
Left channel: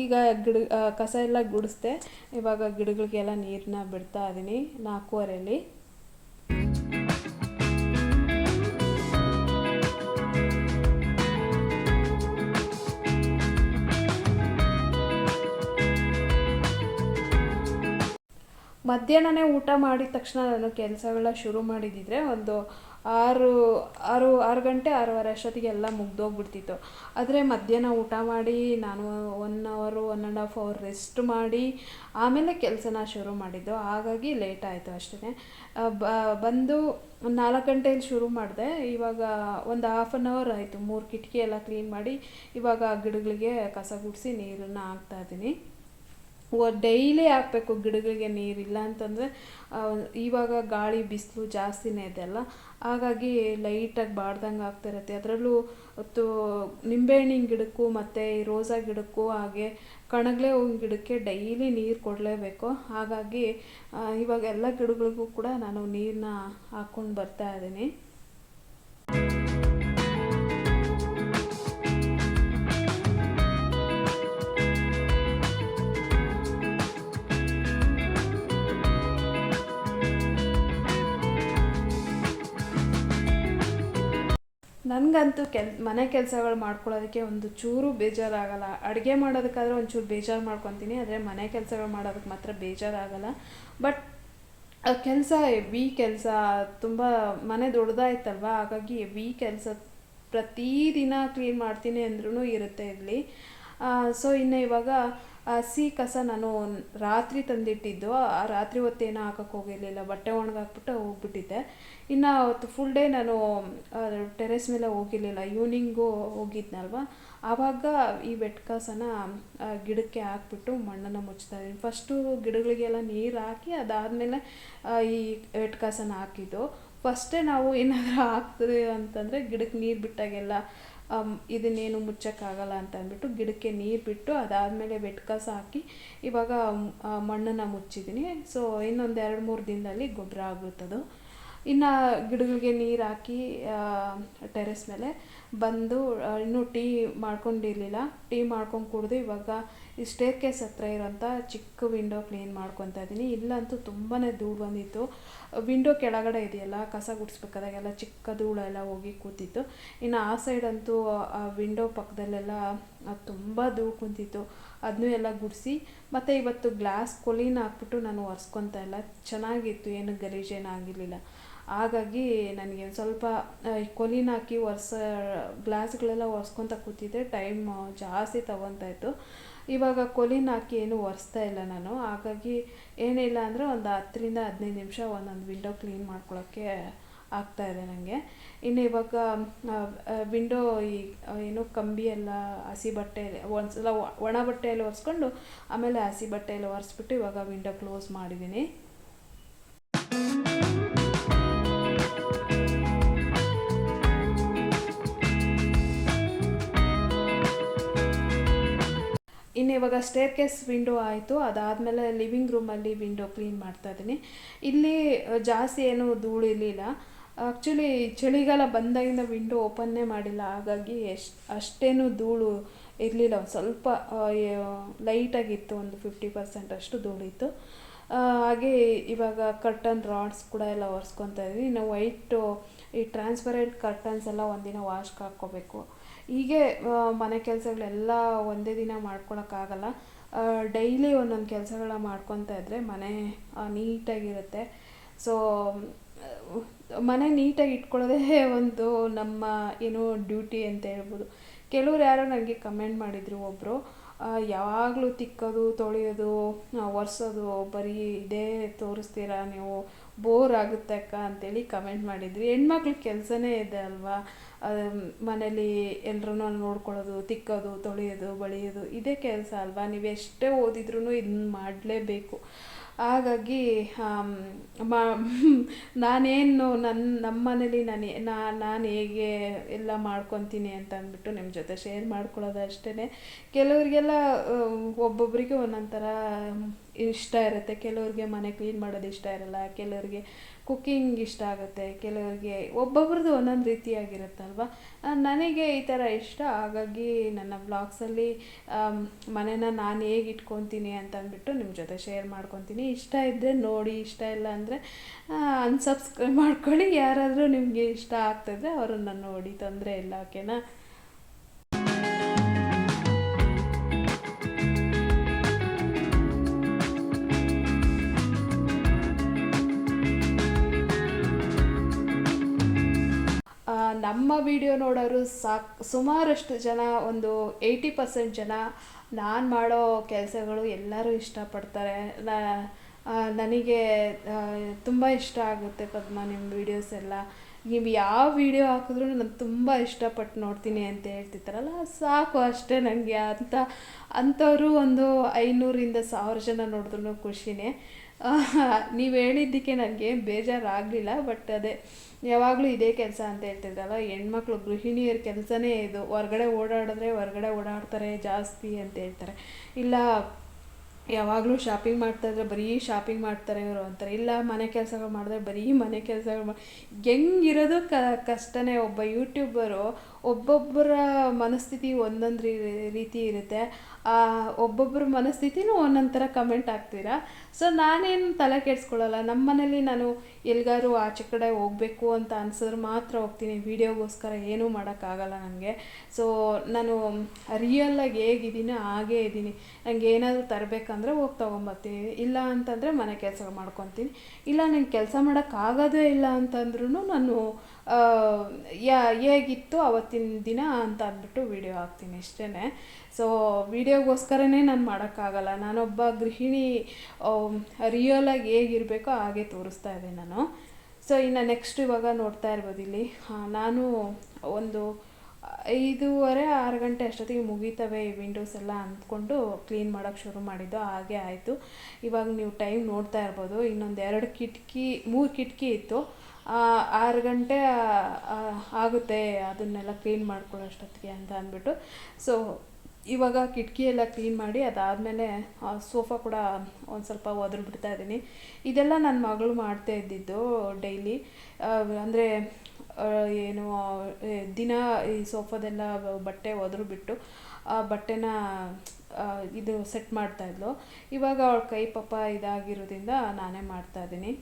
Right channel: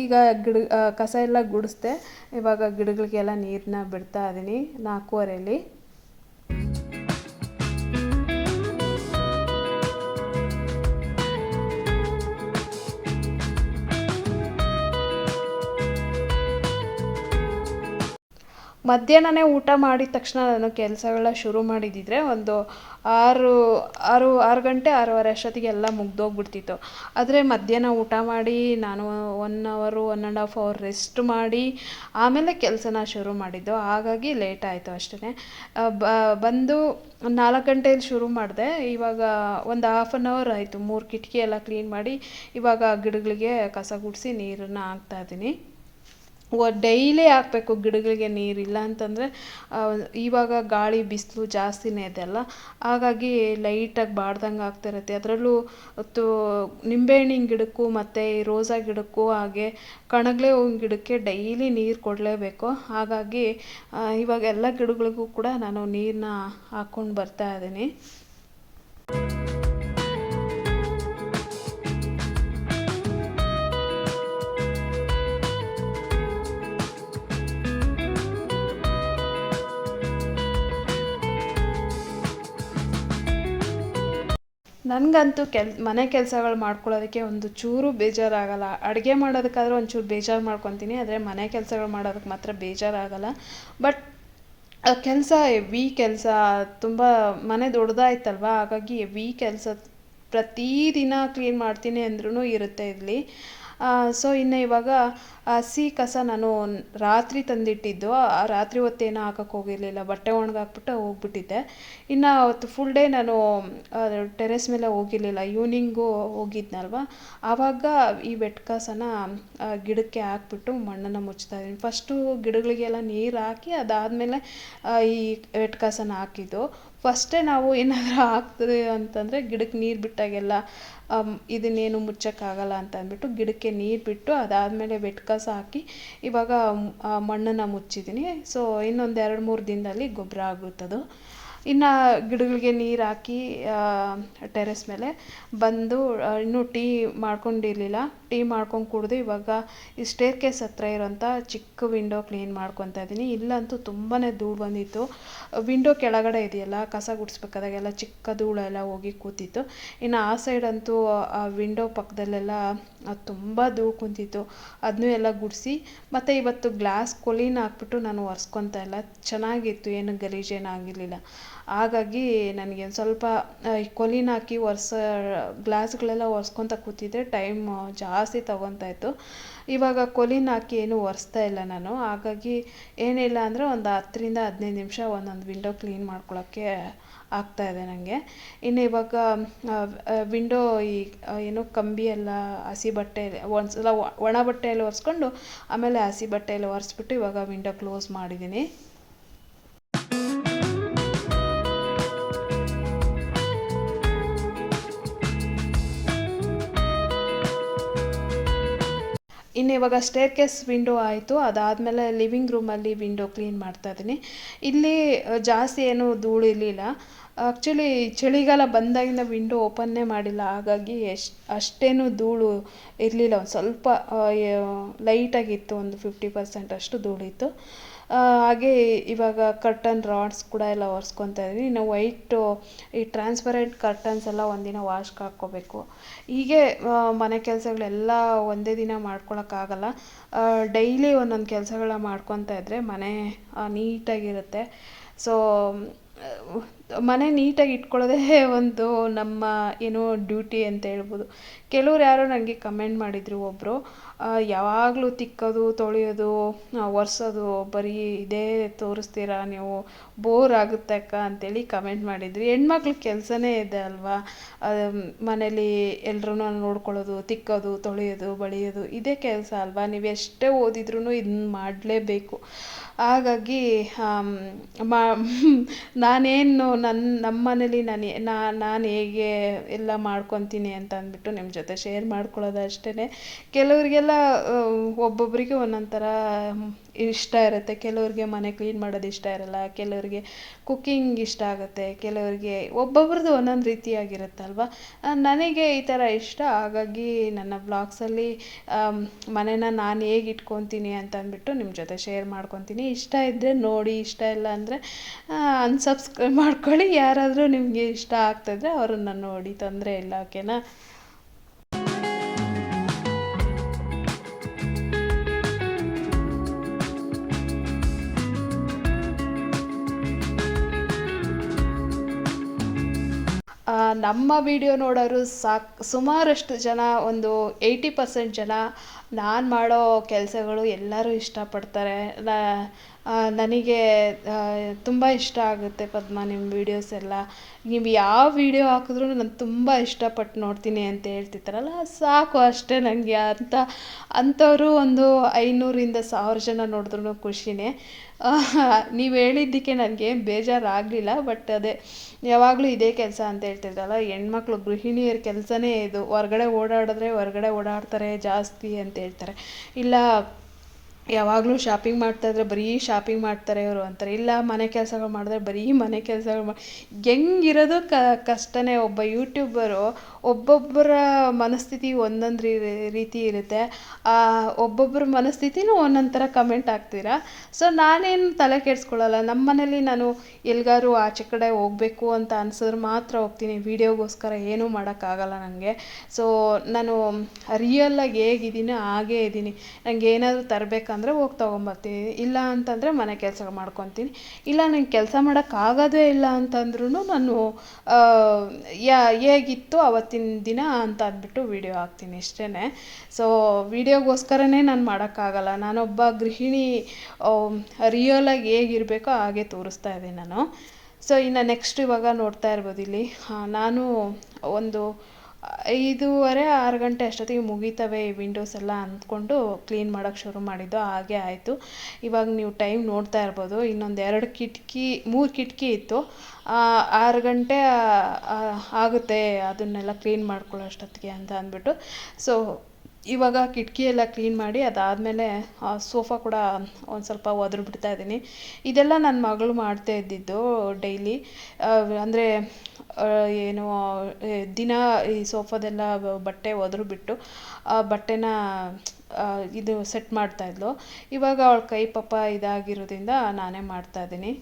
ಈಗ ಗಿಡ ಕಸ ಎಲ್ಲ ಗುಡಿಸ್ದೆ. ಇವಾಗ ಗಿಡಗಳಿಗೆಲ್ಲ ನೀರನ್ನ ಬಿಡ್ತಾ ಇದ್ದೀನಿ ನಾಲ್ಕೂವರೆಯಲ್ಲಿ ಮಧ್ಯಾಹ್ನನೇ ಊಟ ಮಾಡಿದ ತಕ್ಷಣ ನಾನು ಕೆಲಸಗಳ ಶುರು ಮಾಡಿದ್ದಿದ್ರೆ ಒಂದು ಆರು ಆರು ಆರು ಗಂಟೆ, ಆರೂವರೆ ಅಷ್ಟೊತ್ತಿಗೆ ಎಲ್ಲ ಮುಗ್ದೋಗ್ಬಿಡ್ತಿತ್ತು. ಆದರೆ ಮಧ್ಯಾಹ್ನ ಊಟ ಮಾಡಿ, ನಾನು ಒನ್ ಅವರು one and half hour rest ಮಾಡಿ, ಆಮೇಲೆ ಕೆಲಸನ ಶುರು ಮಾಡಿದ್ದು. ಹಾಗಾಗಿ ಲೇಟ್ ಆಯಿತು ಅಷ್ಟೇ ಬಂದು ನಾಲ್ಕು ಗಂಟೆಯಲ್ಲಿ ಶುರು ಮಾಡಿದೆ. ಇವಾಗ ಒಂದು ಹಾಫ್ ಆನ್ ಅವರ್ ಆಯಿತು. ಮೂರು ಕಿಟಕಿ ಎಲ್ಲ ಕ್ಲೀನ್ ಮಾಡಿ, ಇವಾಗ ಗಿಡಗಳಿಗೆ ಕಸ ಗುಡಿಸಿ ನೀರನ್ನು ಹಾಕ್ತಾಯಿದ್ದೀನಿ ಡೈಲಿ ಹಾಕ್ಬೇಕು, ಗಿಡಗಳಿಗೆ ನೀರು ಇಲ್ಲ ಅಂತಂದರೆ ಇವಾಗ ಗಾಳಿ ಬಿಸಿಲು ಜಾಸ್ತಿನೇ ಇದೆ ಅಲ್ಲ? ಹಾಗಾಗಿ ಲೈಟಾಗಿ ಬಾಡ್ದಂಗೆ ಆಗ್ತಿರತ್ತೆ. ಅದರಲ್ಲೂ ತು ನಿಂಬೆಹಣ್ಣಿನ ಗಿಡಕ್ಕೂ ಮತ್ತು ರೋಸಾ ಗಿಡಕ್ಕೂ ಹಾಗೆ ಕಣಗಿಲೆ ಹೂವಿನ ಗಿಡಕ್ಕೆ ಡೈಲಿ ನೀರು ಕೊಡಲೇಬೇಕು. ಹಾಗಾಗಿ ಇವಾಗ ಎಲ್ಲ ಗಿಡಗಳಿಗೂ ಕೂಡ ನಾನು ನೀರನ್ನ ಹಾಕ್ಕೊಂಡು ಬರ್ತಾ ಇದ್ದೀನಿ. ನನಗಂತೂ ಕೆಲ್, ಮನೆ ಕೆಲಸಗಳು ಮಾಡ್ಕೊಳ್ಳೋದಕ್ಕೆ ಒಂದು ಚೂರು ಬೇಜಾರಾಗಲ್ಲ. ಅಡುಗೆ ಮಾಡೋದಕ್ಕಾದರೂ ಒಂಚೂರು ಬೇಜಾರು ಮಾಡ್ಕೊತೀನಿ, ಆದರೆ ಮನೆ ಕೆಲಸಗಳು ಮಾಡೋದಕ್ಕೆ ಮಾತ್ರ ಬೇಜಾರಾಗಲ್ಲ. ಬಟ್ ಕೆಲಸ ಎವಿ ಕೆಲಸ, ತುಂಬ ಮನೆ ದೊಡ್ಡದಾಯ್ತಲ್ವ? ಹಾಗಾಗಿ ಎವಿ ಕೆಲಸ ಪ್ರತಿದಿನ ಕ್ಲೀನ್ ಮಾಡ್ತೀನಿ ಅಂದ್ರೂ ಇರುತ್ತೆ ಇಲ್ಲಿ. ಸೊ ಇನ್ನು ಇವಾಗ ಹಸಿ ಕಸ ನಾನು ರಾತ್ರಿ ತಂದಿಟ್ಟಿದ್ದು. ಆ, ರಾತ್ರಿ ಹೊತ್ತೇನು ಹಾಕಕ್ಕೆ ಹೋಗಿರಲಿಲ್ಲ. ಬಟ್ಟೆ ಒಣಗಾಕ್ಬಿಟ್ಟು ಹೋಗ್ಬಿಟ್ಟಿದ್ದೆ. ಇನ್ನು ಅವತ್ತು ಫುಲ್ ಡೇ ನಾನು ಟೆರೆಸ್ ಮೇಲೆ ಹೋಗಿರಲಿಲ್ಲ. ಈವ್ನಿಂಗು ಹೋಗಿದ್ನಲ್ವ? ಆವಾಗ ಈ ಬೆಟ್ ಕಸನ ಗಿಡಕ್ಕೆ ಹಾಕ್ಬಿಟ್ಟು ಮಣ್ಣನ್ನು ಮುಚ್ತಾ ಇದ್ದೀನಿ. ಫಸ್ಟು ಗಿಡಗಳಿಗೆಲ್ಲ ನೀರು ಹಾಕಿ ಅದಾದಮೇಲೆ ಈ ಬೆಟ್ ಕಸನ ಹಾಕಿದ್ದು. ಫಸ್ಟೇ ನಾವು ಏನಾದರೂ ಹಾಕ್ತೀವಿ ಅಂತಂದರೆ ಗಿಡಕ್ಕೆ ನೀರು ಬಿಟ್ಟಾಗೆಲ್ಲ ಇದನ್ನೇನು ಮುಚ್ಚೋಕ್ಕಾಗಲ್ಲ ಅಂತ ಅಂದ್ಬಿಟ್ಟು ಗಿಡಕ್ಕೆ ನೀರು ಬಿಟ್ಟು ಅದಾದಮೇಲೆ ಕಸ ಹಾಕಿ ಇವಾಗ ಮಣ್ಣನ್ನು ಮುಚ್ಚಿದ್ದೀನಿ. ಸೊ ಇನ್ನೊಂದು ಎರಡು ಮೂರು ದಿನದಲ್ಲಿ ಗೊಬ್ಬರ ಆಗುತ್ತದು. ಇನ್ನು ಗಿಡಗಳಿಗೆ ನೀರು ಹಾಕಿ ಟೆರೆಸ್ ಮೇಲೆ ಬಂದು ಇನ್ನೂ ಟೀ ಮಾಡ್ಕೊಂಡಿರಲಿಲ್ಲ. ಟೀ ಮಾಡ್ಕೊಂಡು ಕುಡಿದು ಇವಾಗ ಈ ಸ್ಟೇರ್ ಕೇಸ್ ಹತ್ರ ಇರೋಂಥ ಚಿಕ್ಕ ವಿಂಡೋ ಕ್ಲೀನ್ ಮಾಡ್ಕೊತಾ ಇದ್ದೀನಿ ಇಲ್ಲಂತೂ ತುಂಬಾ ಧೂಳು ಬಂದಿತ್ತು. ವಿಂಡೋ ಕೆಳಗಡೆ ಇದೆಯಲ್ಲ, ಕಸ ಗುಡಿಸ್ಬೇಕಾದಾಗೆಲ್ಲ ಚಿಕ್ಕ ಧೂಳೆಲ್ಲ ಹೋಗಿ ಕೂತಿತ್ತು. ಇನ್ನು ಆ ಸೈಡ್ ಅಂತೂ, ಆ ವಿಂಡೋ ಪಕ್ಕದಲ್ಲೆಲ್ಲ ತುಂಬ ಧೂಳು ಕುಂತಿತ್ತು. ಅದನ್ನೂ ಎಲ್ಲ ಗುಡಿಸಿ, ಮತ್ತು ಇವತ್ತು ಗ್ಲಾಸ್ ಕೊಲೀನ ಹಾಕ್ಬಿಟ್ಟು ನಾನು ಒರೆಸ್ಕೊತಾ ಇಲ್ಲ. ಚೆನ್ನಾಗಿತ್ತು, ಏನು ಗಲೀಜೇನು ಆಗಿರಲಿಲ್ಲ. ಹಾಗಾಗಿ ನನಗೆ ಸ್ವಲ್ಪ ಈ ಕೊಲಿನ ಹಾಕಿ ಒರೆಸ, ಗ್ಲಾಸ್ಗಳೆಲ್ಲ ಒರೆಸ್ಕೊತ ಕೂತಿದ್ದೆ ಟೈಮ್ ಜಾಸ್ತಿ ತಗೊತಾ ಇತ್ತು. ಇವಾಗ ಕೊಲಿನ ಹಾಕಿ ಏನು ಒರೆಸ್ತಾ ಇಲ್ಲ ನಾನು. ಹಾಗಾಗಿ ಏನಿಲ್ಲ ಅಂದರೆ ಒಂದು ಹತ್ತರಿಂದ ಹದಿನೈದು ನಿಮಿಷ ಒಂದೊಂದು ವಿಂಡೋ ಕ್ಲೀನ್ ಮಾಡ್ಕೊಳ್ಳೋಕ್ಕೆ ಆಗ್ತಾ ಇದೆ ನನಗೆ ಇನ್ನು ಇವಾಗ ವಿಂಡೋ ಈ ಏನು ಕಂಬಿ ಎಲ್ಲ ಹಸಿ ಬಟ್ಟೆ ಒಂದ್ಸಲ ಒಣ ಬಟ್ಟೆಯಲ್ಲಿ ಒರೆಸ್ಕೊಂಡು ಆಮೇಲೆ ಹಸಿ ಬಟ್ಟೆಯಲ್ಲಿ ಒರೆಸ್ಬಿಟ್ಟು ಇವಾಗ ವಿಂಡೋ ಕ್ಲೋಸ್ ಮಾಡಿದ್ದೀನಿ. ಇನ್ನು ಇವಾಗ ಸ್ಟೇರ್ ಕೇಸ್ ವಿಂಡೋ ಆಯಿತು. ಅದಾದಮೇಲೆ ಲಿವಿಂಗ್ ರೂಮಲ್ಲಿ ವಿಂಡೋ ಕ್ಲೀನ್ ಮಾಡ್ತಾ ಇದ್ದೀನಿ. ಇಲ್ಲಿ ಜಾಸ್ತಿ ಏನು ಧೂಳು ಇರಲಿಲ್ಲ ಆ್ಯಕ್ಚುಲಿ ಚಳಿಗಾಲ ಬಂದಾಗಿಂದ ವಿಂಡೋ ಓಪನ್ನೇ ಮಾಡಿಲ್ಲ. ಹಾಗಾಗಿ ಎಷ್ಟು, ಅಷ್ಟೇನು ಧೂಳು ಇರಲಿಲ್ಲ. ಒಂದು ಸ್ವಲ್ಪ ಲೈಟಾಗಿತ್ತು ಒಂದು ಫಿಫ್ಟಿ ಪರ್ಸೆಂಟ್ ಅಷ್ಟು ಧೂಳಿತ್ತು. ಹಾಗೆ ಇವಾಗ ಕರ್ಟನ್ ರಾಡ್ಸ್ ಕೂಡ ಎಲ್ಲ ಒರೆಸ್ಕೊತಾ ಇದ್ದೀನಿ ಇನ್ನು ವೈಟು ಈ ಟ್ರಾನ್ಸ್ಪರೆಂಟ್ ಕರ್ಟನ್ಸ್ ಎಲ್ಲ ಒಂದಿನ ವಾಶ್ಗೆ ಹಾಕ್ಕೋಬೇಕು. ಹೀಗೆ ಮನೆ ಕೆಲಸಗಳೆಲ್ಲ ಒಂದೇ ದಿನ ಮಾಡ್ಕೊಳಕ್ಕಾಗಲ್ಲ. ಡೈಲಿ ಒಂದೊಂದು ಕೆಲಸಗಳನ್ನ ಮಾಡ್ಕೊತಾ ಇದ್ದರೆ ಮನೆ ನೀಟಾಗಿರುತ್ತೆ. ಸೊ ಮನೆ ನೀಟಾಗಿ ಇಟ್ಕೊಳ್ಳೋದೇ ಒಂದು ನಮ್ಮ, ಏನು ಡ್ಯೂಟಿ ಅಂತ ಹೇಳ್ಬೋದು. ಕೆಲವ್ರು ಯಾರೋ ನನಗೆ ಕಮೆಂಟ್ ಮಾಡಿದರು ಒಬ್ಬರು ಯಾವಾಗಲೂ ತಿಕ್ಕೋದು ತೊಳೆಯೋದು ಒರೆಸೋದು ಬರೀ ಇದೇ ತೋರಿಸ್ತೀರಾ ನೀವು? ಬೋರ್ ಆಗುತ್ತೆ ಅಕ್ಕ ಅಂತೇಳಿ ಕಮೆಂಟ್ ಮಾಡಿದ್ರಿ ಹೆಣ್ಮಕ್ಳ ಕೆಲಸನೇ ಇದೆ ಅಲ್ವಾ? ಮನೇಲಿ ಎಲ್ರೂ ನೋಡ್ಕೊಳ್ಳೋದು, ತಿಕ್ಕೋದು, ತೊಳೆಯೋದು, ಬಳಿಯೋದು ಇದೇ ಕೆಲಸ ಅಲ್ವಾ? ನೀವು ಎಷ್ಟೇ ಓದಿದ್ರೂ ಇದನ್ನ ಮಾಡಲೇಬೇಕು. ಹಾಗಾಗಿ ಮಾ, ನಾನೇನು ನನ್ನ ನಮ್ಮ ಮನೇಲಿ ನಾನು ನಾನು ಹೇಗೆ ಎಲ್ಲ ಮಾಡ್ಕೊತೀನಿ ಅಂತ ಅಂದ್ಬಿಟ್ಟು ನಿಮ್ಮ ಜೊತೆ ಶೇರ್ ಮಾಡ್ಕೊಳ್ಳೋದು ಅಷ್ಟೇ ಕೆಲವರಿಗೆಲ್ಲ ಒಬ್ಬೊಬ್ಬರಿಗೆ ಒಂದೊಂದು ಥರ ಇಷ್ಟ ಇರುತ್ತೆ. ಕೆಲವ್ರಿಗೆ ಮನೆ ಕ್ಲೀನ್ ಮಾಡೋದು ಇಷ್ಟ ಇರಲ್ಲ, ಕೆಲವ್ರಿಗೆ ಕುಕ್ಕಿಂಗ್ ಇಷ್ಟ ಆಗುತ್ತೆ, ಕೆಲವರಿಗೆ ಒಬ್ಬೊಬ್ರದ್ದು ಒಂದೊಂದು ರೀತಿಯಾಗಿರುತ್ತಲ್ವ? ನನಗೆ ಈ ಥರ ಇಷ್ಟ. ಹಾಗಾಗಿ ನನ್ನ ಬ್ಲಾಗ್ಸಲ್ಲಿ ಮನೇನ ನಾನು ಹೇಗೆ ಇಟ್ಕೊತೀನಿ ಅಂತ ಅಂದ್ಬಿಟ್ಟು ನಿಮ್ಮ ಜೊತೆ ಶೇರ್ ಮಾಡ್ಕೊತೀನಿ. ಇಷ್ಟ ಇದ್ದರೆ ನೋಡಿ, ಇಷ್ಟ ಇಲ್ಲ ಅಂದರೆ ಅನ್ಸಬ್ಸ್ಕ್ರೈಬ್ ಮಾಡ್ಕೊಳ್ಳಿ. ಯಾರಾದರೂ ನಿಮಗೆ ಇಷ್ಟ ಆಗ್ತಾಯಿದ್ರೆ ಅವ್ರನ್ನ ನೋಡಿ, ತೊಂದರೆ ಇಲ್ಲ ಓಕೆನಾ ನಮ್ಮ ವಿಡಿಯೋ ನೋಡೋರು ಸಾಕು, ಸುಮಾರಷ್ಟು ಜನ, ಒಂದು ಏಯ್ಟಿ ಪರ್ಸೆಂಟ್ ಜನ ನಾನು ಮಾಡೋ ಕೆಲಸಗಳು ಎಲ್ಲರೂ ಇಷ್ಟಪಡ್ತಾರೆ. ನನಗೆ ತುಂಬ ಇಷ್ಟ ಆಗುತ್ತೆ ಪದ್ಮ ನಿಮ್ಮ ವೀಡಿಯೋಸ್ ಎಲ್ಲ. ನೀವು ಯಾವ ವಿಡಿಯೋ ಹಾಕಿದ್ರೂ ನಾನು ತುಂಬ ಇಷ್ಟಪಟ್ಟು ನೋಡ್ತೀನಿ ಅಂತ ಹೇಳ್ತಿರ್ತಾರಲ್ಲ, ಸಾಕು ಅಷ್ಟೇ ನನಗೆ ಅಂತ. ಅಂಥವರು ಒಂದು ಐನೂರಿಂದ ಸಾವಿರ ಜನ ನೋಡಿದ್ರೂ ಖುಷಿನೇ. ನೀವು ಹೇಳಿದ್ದಕ್ಕೆ ನನಗೆ ಬೇಜಾರಾಗಲಿಲ್ಲ ಬಟ್ ಅದೇ, ಯಾವಾಗಲೂ ಇದೇ ಕೆಲಸ ಅಂತ ಹೇಳ್ತಿದ್ದಲ್ಲ ಹೆಣ್ಮಕ್ಳು ಗೃಹಿಣಿಯರ ಕೆಲಸನೇ ಇದು, ಹೊರ್ಗಡೆ ಓಡಾಡಿದ್ರೆ ಹೊರ್ಗಡೆ ಓಡಾಡ್ತಾರೆ ಜಾಸ್ತಿ ಅಂತ ಹೇಳ್ತಾರೆ. ಇಲ್ಲ, ಯಾವಾಗಲೂ ಶಾಪಿಂಗ್ ಮಾಡ್ತಾಯಿದ್ರೆ ಬರೀ ಶಾಪಿಂಗ್ ಮಾಡ್ತಾರೆ ಇವರು ಅಂತಾರೆ. ಇಲ್ಲ, ಮನೆ ಕೆಲಸಗಳು ಮಾಡಿದ್ರೆ ಬರೀ ಮನೆ ಕೆಲಸಗಳು ಮಾ, ಹೆಂಗಿರೋದು ಕಷ್ಟನೇ, ಒಬ್ಬ ಯೂಟ್ಯೂಬರು ಒಬ್ಬೊಬ್ಬರ ಮನಸ್ಥಿತಿ ಒಂದೊಂದು ರೀತಿ ಇರುತ್ತೆ. ಒಬ್ಬೊಬ್ಬರ ಮನಸ್ಥಿತಿನೂ ಒಂದೊಂದು ಥರ ಕಮೆಂಟ್ ಆಗ್ತೀರಾ ಸೊ ನಾನೇನು ತಲೆ ಕೆಡಿಸ್ಕೊಳ್ಳಲ್ಲ. ನಮ್ಮ ಮನೇಲಿ ನಾನು ಎಲ್ಲಿಗಾರು ಆಚೆ ಕಡೆ ಹೋಗಬೇಕು ಅಂತ ಅನ್ಸಿದ್ರೆ ಮಾತ್ರ ಹೋಗ್ತೀನಿ. ವೀಡಿಯೋಗೋಸ್ಕರ ಏನೂ ಮಾಡೋಕ್ಕಾಗಲ್ಲ ನನಗೆ ಸೊ ನಾನು ರಿಯಲ್ಲಾಗಿ ಹೇಗಿದ್ದೀನೋ, ಹಾಗೇ ಇದ್ದೀನಿ. ನನಗೆ ಏನಾದರೂ ತರಬೇಕಂದ್ರೆ ಹೋಗಿ ತೊಗೊಂಬರ್ತೀನಿ. ಇಲ್ಲ ಅಂತಂದರೆ ಮನೆ ಕೆಲಸ ಮಾಡ್ಕೊತೀನಿ. ಇಲ್ಲ ನಂಗೆ ಕೆಲಸ ಮಾಡೋಕ್ಕಾಗೋದೇ ಇಲ್ಲ ಅಂತಂದ್ರೂ ನಾನು ಯಾ ಹೇಗಿತ್ತು ಅವತ್ತು ಇವತ್ತಿನ ದಿನ ಅಂತ ಅಂದ್ಬಿಟ್ಟು ವಿಡಿಯೋ ಹಾಕ್ತೀನಿ ಇಷ್ಟೇ ಸೊ ವಿಡಿಯೋಗೋಸ್ಕರನೇ ನಾನು ಮಾಡೋಕ್ಕಾಗಲ್ಲ. ನಾನೊಬ್ಬ ಗೃಹಿಣಿ ರಿಯಲಾಗಿ ಹೇಗಿರಬೇಕೋ ಹಾಗೆ ತೋರಿಸ್ತಾ ಇದ್ದೀನಿ ನಾನು. ಸೊ ಇನ್ನು ನೆಕ್ಸ್ಟ್ ಇವಾಗ ನೋಡ್ತಾ ಇರ್ಬೋದು ಇಲ್ಲಿ. ನಾನು ಒಂದು ಐದೂವರೆ, ಆರು ಗಂಟೆ ಅಷ್ಟೊತ್ತಿಗೆ ಮುಗಿತವೆ ಈ ವಿಂಡೋಸ್ ಎಲ್ಲ ಅಂದ್ಕೊಂಡು ಕ್ಲೀನ್ ಮಾಡೋಕ್ಕೆ ಶುರು ಮಾಡಿದ್ದು. ಹಾಗೆ ಆಯಿತು. ಇವಾಗ ನೀವು ಟೈಮ್ ನೋಡ್ತಾ ಇರ್ಬೋದು. ಇನ್ನೊಂದು ಎರಡು ಕಿಟಕಿ, ಮೂರು ಕಿಟಕಿ ಇತ್ತು. ಆರು ಗಂಟೆ ಆಗುತ್ತೆ ಅದನ್ನೆಲ್ಲ ಕ್ಲೀನ್ ಮಾಡ್ಕೊಳ್ಳೋ ಅಷ್ಟೊತ್ತಿಗೆ ಅಂತ ಅಂದ್ಬಿಟ್ಟು. ಸೊ ಇವಾಗ ಕಿಟಕಿ ಕ್ಲೀನ್ ಮಾಡಿ ಅದಾದಮೇಲೆ ಸೋಫಾ ಕೂಡ ಒಂದು ಸ್ವಲ್ಪ ಒದ್ರು ಬಿಡ್ತಾ ಇದ್ದೀನಿ. ಇದೆಲ್ಲ ನನ್ನ ಮಗಳು ಮಾಡ್ತಾ ಇದ್ದಿದ್ದು ಡೈಲಿ. ಅಂದರೆ ಏನು ದಿನ ಈ ಸೋಫಾದೆಲ್ಲ ಬಟ್ಟೆ ಒದ್ರು ಬಿಟ್ಟು, ಆ ಬಟ್ಟೆನ ಇದು ಸೆಟ್ ಮಾಡ್ತಾಯಿದ್ಲು ಇವಾಗ ಅವಳ ಕೈ ಪಾಪ ಇದಾಗಿರೋದ್ರಿಂದ ನಾನೇ ಮಾಡ್ತಾಯಿದ್ದೀನಿ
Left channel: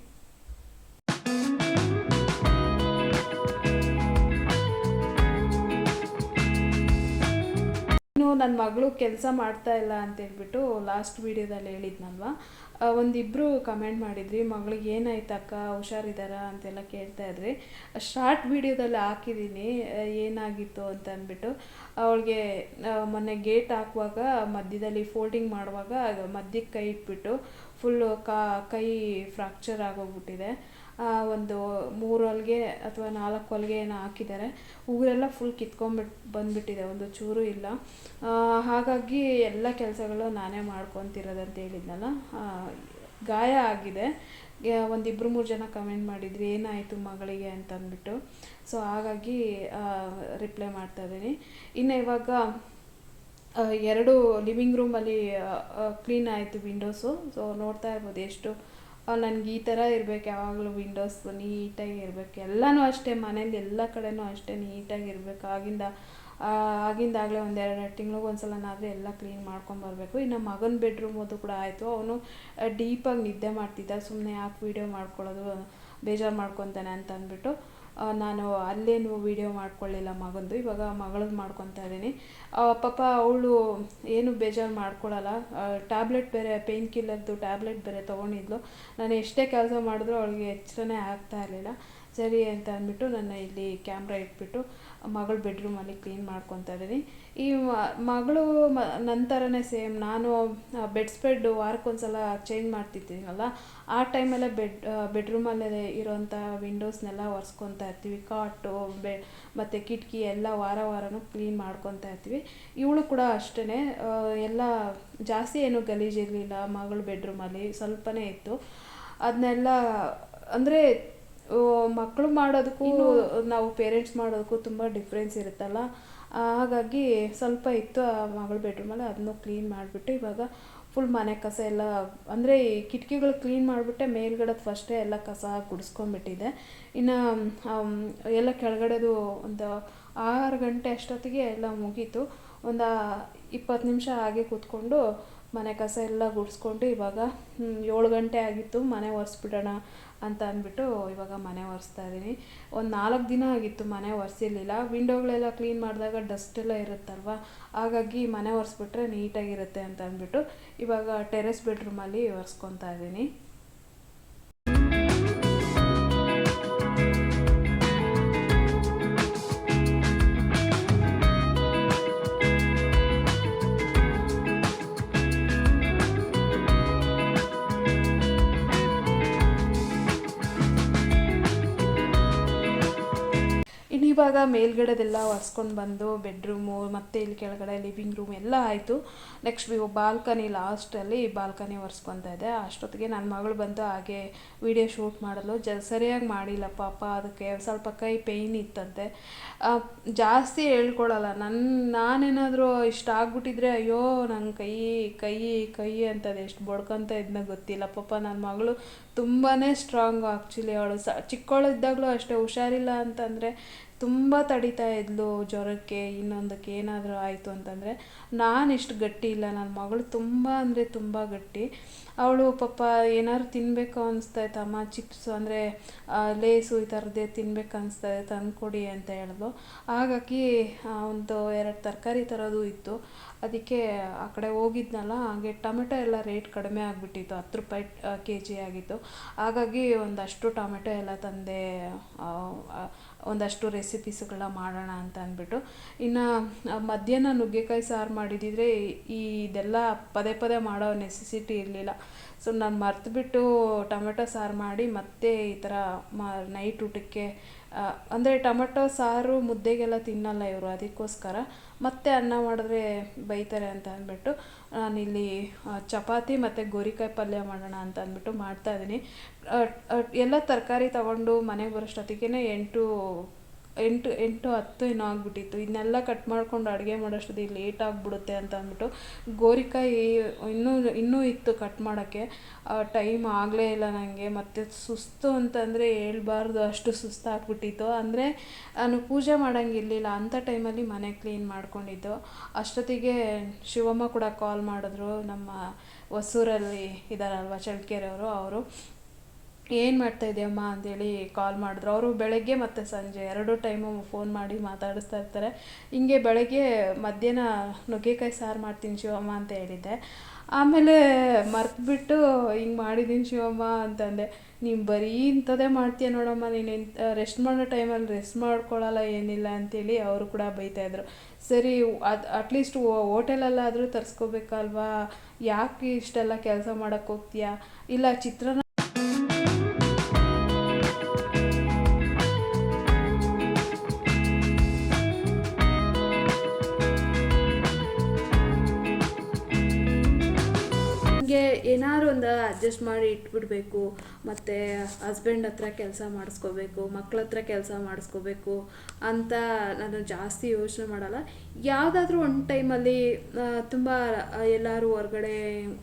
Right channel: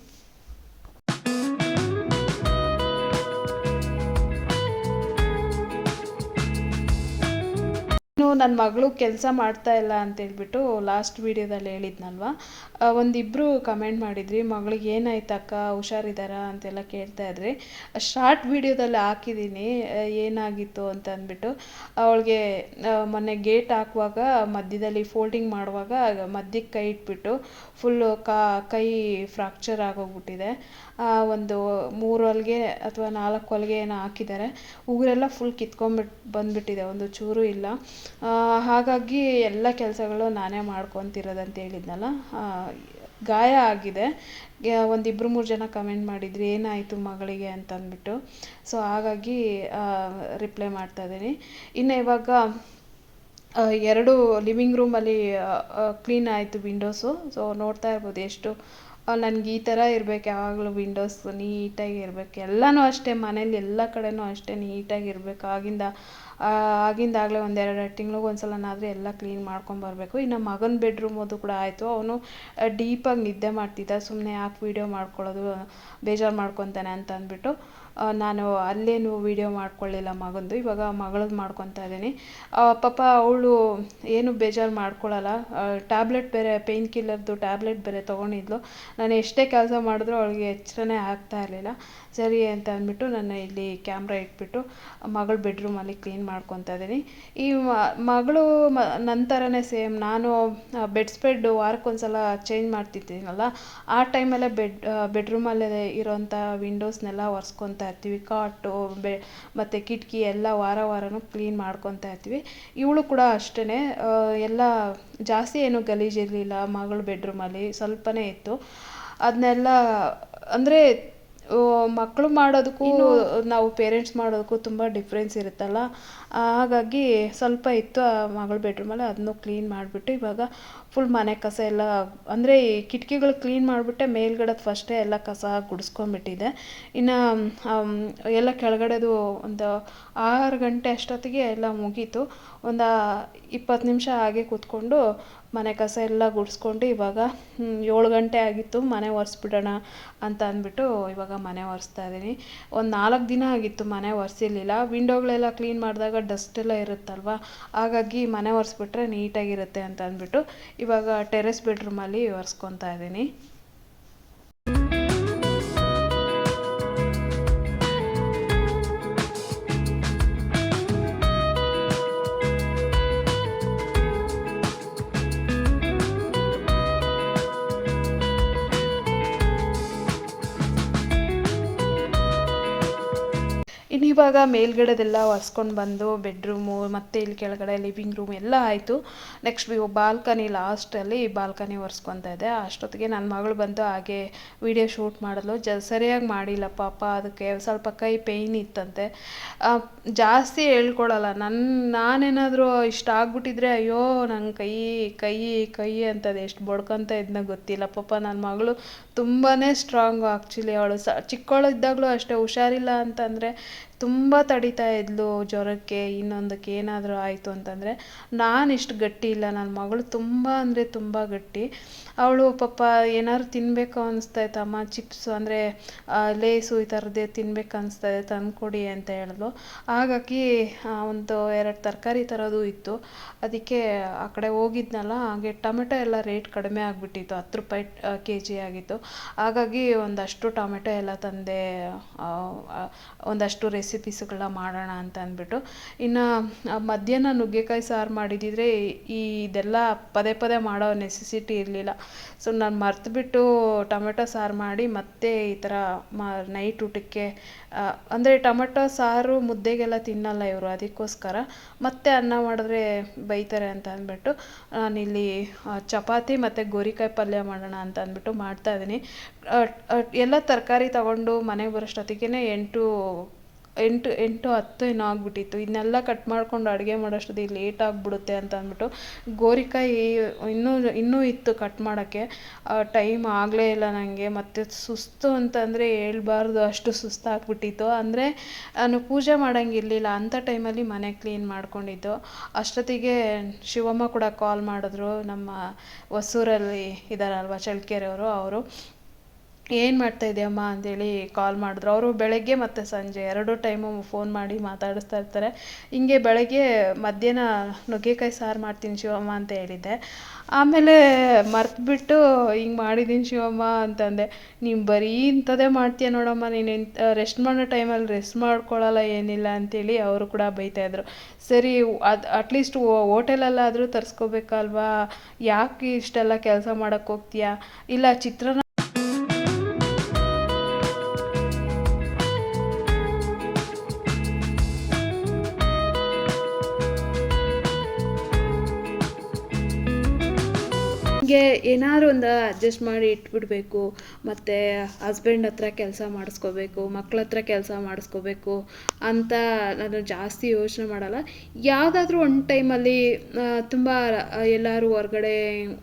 ನನ್ನ ಮಗಳು ಕೆಲಸ ಮಾಡ್ತಾ ಇಲ್ಲ ಅಂತ ಹೇಳ್ಬಿಟ್ಟು ಲಾಸ್ಟ್ ವೀಡಿಯೋದಲ್ಲಿ ಹೇಳಿದ್ನಲ್ವ? ಒಂದಿಬ್ಬರು ಕಮೆಂಟ್ ಮಾಡಿದ್ರಿ, ಮಗಳಿಗೆ ಏನಾಯ್ತಕ್ಕ ಹುಷಾರಿದ್ದಾರಾ ಅಂತೆಲ್ಲ ಕೇಳ್ತಾ ಇದ್ರಿ. ಶಾರ್ಟ್ ವೀಡಿಯೋದಲ್ಲಿ ಹಾಕಿದ್ದೀನಿ ಏನಾಗಿತ್ತು ಅಂತ ಅಂದ್ಬಿಟ್ಟು, ಅವಳಿಗೆ ಮೊನ್ನೆ ಗೇಟ್ ಹಾಕುವಾಗ, ಮಧ್ಯದಲ್ಲಿ ಫೋಲ್ಡಿಂಗ್ ಮಾಡುವಾಗ ಮಧ್ಯಕ್ಕೆ ಕೈ ಇಟ್ಬಿಟ್ಟು ಫುಲ್ಲು ಕಾ, ಕೈ ಫ್ರಾಕ್ಚರ್ ಆಗೋಗ್ಬಿಟ್ಟಿದೆ. ಒಂದು ಮೂರು ಹೊಲಿಗೆ ಅಥವಾ ನಾಲ್ಕು ಹೊಲಿಗೆ ಏನೋ ಹಾಕಿದ್ದಾರೆ. ಉಗುರೆಲ್ಲ ಫುಲ್ ಕಿತ್ಕೊಂಡ್ಬಿಟ್ಟು ಬಂದ್ಬಿಟ್ಟಿದೆ. ಒಂದು ಚೂರು ಇಲ್ಲ. ಹಾಗಾಗಿ ಎಲ್ಲ ಕೆಲಸಗಳು ನಾನೇ ಮಾಡ್ಕೊತಿರೋದಂತ ಹೇಳಿದ್ನಲ್ಲ. ಆ, ಗಾಯ ಆಗಿದೆ. ಒಂದು ಇಬ್ಬರು ಮೂರು ಜನ ಕಮೆಂಟ್ ಮಾಡಿದ್ರಿ ಏನಾಯಿತು ಮಗಳಿಗೆ ಅಂತ ಅಂದ್ಬಿಟ್ಟು ಸೊ ಹಾಗಾಗಿ ರಿಪ್ಲೈ ಮಾಡ್ತಾ ಇದ್ದೀನಿ. ಇನ್ನು ಇವಾಗ ಎರಡು ಲಿವಿಂಗ್ ರೂಮಲ್ಲಿ ಕ್ಲೀನ್ ಆಯಿತು ವಿಂಡೋಸು ಸೊ ನೋಡ್ತಾ ಇರ್ಬೋದು ಎಷ್ಟು ನನಗೆ ಈ ಥರ ಇರಬೇಕು, ಯಾವಾಗಲೂ ವಿಂಡೋಸ್ ನೀಟಾಗಿ ಇರಬೇಕು. ಎಲ್ಲನೂ ಅಷ್ಟೇ ಮನೇಲಿ ಎಲ್ಲ ಕಡೆನೂ ಅಷ್ಟೇ ನೀಟಾಗಿ ಇರಬೇಕು. ಆಗಿಂದ ಆಗಿಂದಾಗಲೇ ಒಂದೆರಡು ತಿಂಗ್ಳಿಗೆ ಒಂದ್ಸಲನಾದರೂ ಎಲ್ಲ ಕ್ಲೀನ್ ಮಾಡ್ಕೊಂಬರ್ಬೇಕು ಇನ್ನು ಮಗನ ಬೆಡ್ರೂಮ್ ಅದು ಕೂಡ ಆಯಿತು. ಅವನು ಡೀಪಾಗಿ ನಿದ್ದೆ ಮಾಡ್ತಿದ್ದ. ಸುಮ್ಮನೆ ಯಾಕೆ ವೀಡಿಯೋ ಮಾಡ್ಕೊಳ್ಳೋದು, ಬೇಜಾರು ಮಾಡ್ಕೊತಾನೆ ಅಂತ ಅಂದ್ಬಿಟ್ಟು ನಾನು ಅಲ್ಲೇನು ವೀಡಿಯೋ ಮಾಡ್ಕೊಳ್ಳಿಲ್ಲ ಮಗಂದು, ಇವಾಗ ಮಗಳದ್ದು ಮಾಡ್ಕೊತಾ ಇದ್ದೀನಿ. ಪಾಪ ಅವಳು ಏನು ಬೇಜಾರು ಮಾಡ್ಕೊಳ್ಳಲ್ಲ ಟ್ಯಾಬ್ಲೆಟ್ ಬೇರೆ ಪೇಯ್ನ್ ಕಿಲ್ಲರ್ದು ಟ್ಯಾಬ್ಲೆಟ್ ಬೇರೆ ತೊಗೊಂಡಿದ್ಲು. ನಾನು ಎಷ್ಟೇ ಕೆಲಸ ಮಾಡಿದ್ರು ಅವಳಿಗೆ ಎಚ್ಚರನೇ ಆಗ್ತಾ ಇರಲಿಲ್ಲ. ಸರಿ ಅಂತ ಅಂದ್ಬಿಟ್ಟು ನಾನು ಇಲ್ಲಿ ಕ್ಯಾಮ್ರಾ ಇಟ್ಬಿಟ್ಟು ಮಗಳ ಬೆಡ್ರೂಮಲ್ಲಿ ಕ್ಲೀನ್ ಮಾಡ್ಕೊತಾ ಇದ್ದೀನಿ. ಈ ಮಗಳು ಮ ನನ್ನ ಥರನೇ ಸೇಮ್ ನಾನು ಬೆಡ್ ಸ್ಪೆಡ್ ವಾರಕ್ಕೊಂದ್ಸಲ ಚೇಂಜ್ ಮಾಡ್ತಿದ್ದೀನಲ್ಲ ಆ ಟೈಮಲ್ಲೇ ಬೆಡ್ ಬೆಡ್ರೂಮಲ್ಲೇ ಇರೋಂಥ ವಿಂಡೋಸ್ನೆಲ್ಲ ಒರೆಸ್ಕೊತಾ ಇರ್ತೀವಿ. ಕಾಟು ಬೆ, ಮತ್ತು ಕಿಟಕಿ ಎಲ್ಲ ವಾರ ವಾರನೂ ಕ್ಲೀನ್ ಮಾಡ್ಕೊತಾ ಇರ್ತೀವಿ. ಇವಳು ಕೂಡ ಅಷ್ಟೇ ಎಲ್ಲ ಜಾಸ್ತಿ ಏನು ಗಲೀಜಿರಲಿಲ್ಲ ಮಗಳ ಬೆಡ್ರೂಮಲ್ಲಿ ಸ್ವಲ್ಪನೇ ಇತ್ತು. ಅದನ್ನೆಲ್ಲ ಅಂದರೆ ಮಕ್ಕಳು ಮಾಡೋದಕ್ಕೂ ನಾವು ಪೇರೆಂಟ್ಸ್ ಮಾಡೋದಕ್ಕೂ ತುಂಬ ಡಿಫ್ರೆನ್ಸ್ ಇರುತ್ತಲ್ಲ? ಹಾಗಾಗಿ ಸ್ವಲ್ಪ ಇತ್ತು ಆ ಮಗಳ ಬೆಡ್ರೂಮಲ್ಲಿ ಅದನ್ನು ಕ್ಲೀನ್ ಮಾಡಿಬಿಟ್ಟು ಇವಾಗ ಫುಲ್ ಮನೆ ಕಸ ಎಲ್ಲ ಅಂದರೆ ಈ ಕಿಟಕಿಗಳು ಕ್ಲೀನ್ ಮಾಡಿಬಿಟ್ಟೆ ಮೇಲ್ಗಡೆ ಫಸ್ಟೇ ಎಲ್ಲ ಕಸ ಗುಡಿಸ್ಕೊಂಡ್ಬಿಟ್ಟಿದೆ. ಇನ್ನು ಎಲ್ಲ ಕೆಳಗಡೆದು ಒಂದು ಆರು ಗಂಟೆ ಅಷ್ಟೊತ್ತಿಗೆ ಎಲ್ಲ ಮುಗೀತು. ಒಂದು ಇಪ್ಪತ್ತು ನಿಮಿಷ ಹಾಗೆ ಕೂತ್ಕೊಂಡು ಮನೆ ಕಸ ಎಲ್ಲ ಗುಡಿಸ್ಕೊಂಡು ಇವಾಗ ಏಳು ಗಂಟೆ ಆಗಿತ್ತು, ಮನೆ ಒರೆಸ್ಬಿಡೋಣ ಅಂತ ಅಂದ್ಬಿಟ್ಟು ಇವಾಗ ಮನೆ ಒರೆಸ್ತಾ ಇದ್ದೀನಿ. ಒಂದು ನಾಲ್ಕು ದಿನ ಆಗಿತ್ತು ಮನೆ ಒರೆಸಿರ್ಲಿಲ್ಲ. ವಿಂಡೋಗಳೆಲ್ಲ ಕ್ಲೀನ್ ಮಾಡಿದಾಗ ಡಸ್ಟ್ ಎಲ್ಲ ಇರುತ್ತಲ್ವ? ಹಾಗಾಗಿ ಮನೆ ಒರೆಸ್ಬಿಟ್ರೆ ನೀಟಾಗಿರುತ್ತೆ ಅಂತ ಅಂದ್ಬಿಟ್ಟು ಇವಾಗ ಟೆರೆಸ್ ಬೆಡ್ರೂಮಲ್ಲಿ ಒರೆಸ್ಕೊತಾ ಇದ್ದೀನಿ. ಇವಾಗ ಮೇಲ್ಗಡೆದೆಲ್ಲ ಒರೆಸ್ಕೊಂಡು ಬಂದು ಬೆಡ್ರೂಮು ಮತ್ತು ಇಲ್ಲಿ ಕೆಳಗಡೆ ಲಿವಿಂಗ್ ರೂಮ್ ಎಲ್ಲ ಆಯಿತು. ನೆಕ್ಸ್ಟ್ ಬಾಲ್ಕನಿ ಲಾಸ್ಟಲ್ಲಿ ಬಾಲ್ಕನಿ ಒರೆಸ್ಕೊತಾ ಇದೆ. ಅಷ್ಟೊತ್ತಿಗೆ ನನ್ನ ಮಗಳು ಬಂದು ಹಾಗೆ ವಿಡಿಯೋ ಶೂಟ್ ಮಾಡಲು ಜ ಸರಿಯಾಗಿ ಮಾಡಿಲ್ಲ ಪಾಪ. ಅದಕ್ಕೆ ಸ್ವಲ್ಪ ಕೈ ಪೇಯ್ನ್ ಇತ್ತಂತೆ. ಜಾಸ್ತಿ ಹೇಳ್ಕೊಳಲ್ಲ. ನನ್ನ ನಾನೇನಾದರೂ ಇಷ್ಟ ಆಗ್ಬಿಟ್ಟಿದ್ರೆ ಅಯ್ಯೋ ನನ್ನ ಕೈ ಕೈ ಕೈ ಅಂತದ್ದು ಎಷ್ಟು ಬಡ್ಕೊತ ಇದ್ನ ಗೊತ್ತಿಲ್ಲ. ಪಾಪ ನನ್ನ ಮಗಳು ತುಂಬಾ ಸ್ಟ್ರಾಂಗು ಆ್ಯಕ್ಚುಲಿ ಅವಳು. ಸ ಚಿಕ್ಕವಳಿದ್ದಾಗಲೂ ಅಷ್ಟೇ ಹುಷಾರಿಲ್ಲ ಅಂತಂದರೆ ತುಂಬ ತಡಿತಾ ಇದ್ಲು ಜ್ವರಕ್ಕೆ, ಇನ್ನೊಂದಕ್ಕೆ ಏನಾದರೂ ಆಯಿತು ಅಂತಂದರೆ ನಾನು ಇಷ್ಟು ಗಟ್ಟಿ ಇಲ್ಲ. ನನ್ನ ಮಗಳು ತುಂಬ ಅಂದರೆ ತುಂಬ ಗಟ್ಟಿ. ಅವಳು ಪಾಪ ಏನಾದ್ರು ತಿನ್ನಬೇಕು ಅನಿಸ್ತಾ ಅಮ್ಮ ಚಿಪ್ಸ್ ಅಂದರೆ ಲೇಸು ಈ ಥರದ್ದೇ ತಿನ್ಬೇಕು ಅನಿಸ್ತಾ ಇದೆ ತಂದ್ಕೊಡಿ ಅಂತ ಹೇಳಿದ್ಲು. ಹಾಗಾಗಿ ಒಂದು ಎರಡು ತರಕಾರಿ ತರೋದು ಇತ್ತು. ಅದಕ್ಕೆ ಆ ಕಡೆ ಹೋಗಿದ್ನಲ್ಲ, ಹಾಗೆ ಟೊಮೆಟೊ ಎಲ್ಲ ರೇಟ್ ಕಡಿಮೆ ಆಗಿಬಿಟ್ಟಿತ್ತು, ಹತ್ತು ರೂಪಾಯಿ ಕೆ ಜಿ ಆಗಿತ್ತು. ಹಾಗಾಗಿ ಒಂದಷ್ಟು ಟೊಮೆಟೊ ಎಲ್ಲ ತಂದೆ ಒಂದಷ್ಟು ರೆಸಿಪೀಸ್ಗಳನ್ನ ಮಾಡೋಣ ಅಂತ ಅಂದ್ಬಿಟ್ಟು. ಇನ್ನು ಮಧ್ಯಾಹ್ನ ನುಗ್ಗೆಕಾಯಿ ಸಾರು ಮಾಡಿದ್ದಿದ್ರೆ ಈ, ಇದೆಲ್ಲ ಪದೇ ಪದೇ ಮಾಡೋ ನೆಸೆಸಿಟಿ ಇರಲಿಲ್ಲ. ಸೊ ನಾನು ಮರ್ತುಬಿಟ್ಟು ಟೊಮೆಟೊ ಸಾರು ಮಾಡಿ ಮತ್ತೆ ಈ ಥರ ಮ, ನೈಟ್ ಊಟಕ್ಕೆ ಅಂದರೆ ಟೊಮೆಟೊ ಸಾರು ಮುದ್ದೆಗೆಲ್ಲ ತಿನ್ನಲ್ಲ ಇವರು ಅದಕ್ಕೋಸ್ಕರ. ಮತ್ತೆ ಅನ್ನ ಮಾಡಿದ್ರೆ ಬೈತಾರೆ ಅಂತ ಅಂದ್ಬಿಟ್ಟು, ನಾನಿಲ್ಲಿ ಚಪಾತಿ ಮತ್ತು ಗೋರಿಕಾಯಿ ಪಲ್ಯ ಮಾಡೋಣ ಅಂತ ಅಂದ್ಬಿಟ್ಟು ಮಾಡ್ತಾ ಇದ್ದೀನಿ. ಎಲ್ಲ ತರಕಾರಿ ತಗೊಂಡು ಮನೆಗೆ ಬರೋಷ್ಟೊತ್ತಿಗೆ ಎಂಟು ಎಂಟು ಎಂಟು ಹತ್ತು ಏನೋ ಆಗಿಬಿಟ್ಟಿತ್ತು. ಇದನ್ನೆಲ್ಲ ಕಟ್ ಮಾಡ್ಕೊಂಡು ಅಡುಗೆ ಮಾಡೋಷ್ಟೊತ್ತಿಗೆ ಲೇಟ್ ಆಗಿಬಿಡುತ್ತೆ ಅಂತ ಅಂದ್ಬಿಟ್ಟು ಗೋರಿಕಾಯಿ ಇನ್ನೂ ಇನ್ನೂ ಇತ್ತು ಕಟ್ ಮಾಡೋಕ್ಕೆ. ಟೈಮ್ ಆಗಲೇ ಇಲ್ಲ ನನಗೆ ಮತ್ತು ಸುಸ್ತು ಅಂತಂದರೆ ಹೇಳ್ಬಾರ್ದು ಅಷ್ಟು ಸುಸ್ತಾಗ್ಬಿಟ್ಟಿತ್ತು. ಅಂದರೆ ನಾನು ಪೂಜೆ ಮಾಡೋಂಗಿರ್ಲಿಲ್ಲ. ಅಂಥ ಟೈಮಲ್ಲಿ ಮನೆ ಕ್ಲೀನ್ ಮಾಡ್ಕೊಂಡಿದ್ದು. ಅಷ್ಟೊತ್ತಿಗೆ ಶಿವಮ್ಮ ಕೂಡ ಕಾಲ್ ಮಾಡಿದ್ರು ನಮ್ಮ ಹೊಸೂರಲ್ಲಿ ಇದ್ದಾರಲ್ವ ಚಳ್ಳಕೆರೆಯವರು, ಅವರು. ಏನು ಮಾಡ್ತಾ ಇದೆಯಮ್ಮ ಅಂತೇಳಿ ಕಾಲ್ ಮಾಡಿದ್ರು. ಅವರು ಬೆಳಗ್ಗೆ ಮತ್ತು ಸಂಜೆ ಎರಡು ಟೈಮು ಫೋನ್ ಮಾಡಿ ಮಾತಾಡಿಸ್ತಾ ಇರ್ತಾರೆ. ಹಿಂಗೆ ಬೆಳಗ್ಗೆ ಮಧ್ಯಾಹ್ನ ನುಗ್ಗೆಕಾಯಿ ಸಾರು ಮಾಡ್ತೀನಿ ಶಿವಮ್ಮ ಅಂತ ಹೇಳಿದ್ದೆ. ಆಮೇಲೆ ಮರ್ತುಬಿಟ್ಟು ಹಿಂಗೆ ಮಾಡಿದ್ದೀನಿ ಶಿವಮ್ಮ ಅಂತಂದೆ. ನೀನು ಬರೀ ಇಂಥದ್ದೇ ಮಾಡ್ತೀಯ ನೋಡಮ್ಮ, ನೀನು ರೆಸ್ಟ್ ಮಾಡೋ ಟೈಮಲ್ಲಿ ರೆಸ್ಟ್ ಮಾಡ್ಕೊಳ್ಳಲ್ಲ ಏನಿಲ್ಲ ಅಂತೇಳಿ ಅವರು ಕೂಡ ಬೈತಾಯಿದ್ರು ಸರಿ, ಅದು ಅಟ್ಲೀಸ್ಟ್ ಹೋಟೆಲಲ್ಲಾದರೂ ತರಿಸ್ಕೋಬೇಕಲ್ವಾ? ಯಾಕೆ ಇಷ್ಟೆಲ್ಲ ಕೆಲಸ ಮಾಡೋಕ್ಕೆ ಹೋಗ್ತೀಯಾ? ಇಲ್ಲ ಚಿತ್ರಾನ್ನ ಹೀಗೆ ಏನಾದ್ರು ಒಂದು ಅಡ್ಜಸ್ಟ್ ಮಾಡಿ ಇಟ್ಬಿಡಬೇಕು, ಮತ್ತು ಹಸ್ಬೆಂಡ್ ಹತ್ರ ಕೆಲಸ ಮಾಡಿಸ್ಕೋಬೇಕು, ಮಕ್ಳ ಹತ್ರ ಕೆಲಸ ಮಾಡಿಸ್ಕೋಬೇಕು ಅಂತ ನಾನು ಜಾಸ್ತಿ ಯೋಚನೆ ಮಾಡಲ್ಲ. ಯಾವುದಾದ್ರೂ ಒಂದು ಟೈಮಲ್ಲಿ ತುಂಬ ಎಲ್ಲರೂ ಹೊರಗಡೆ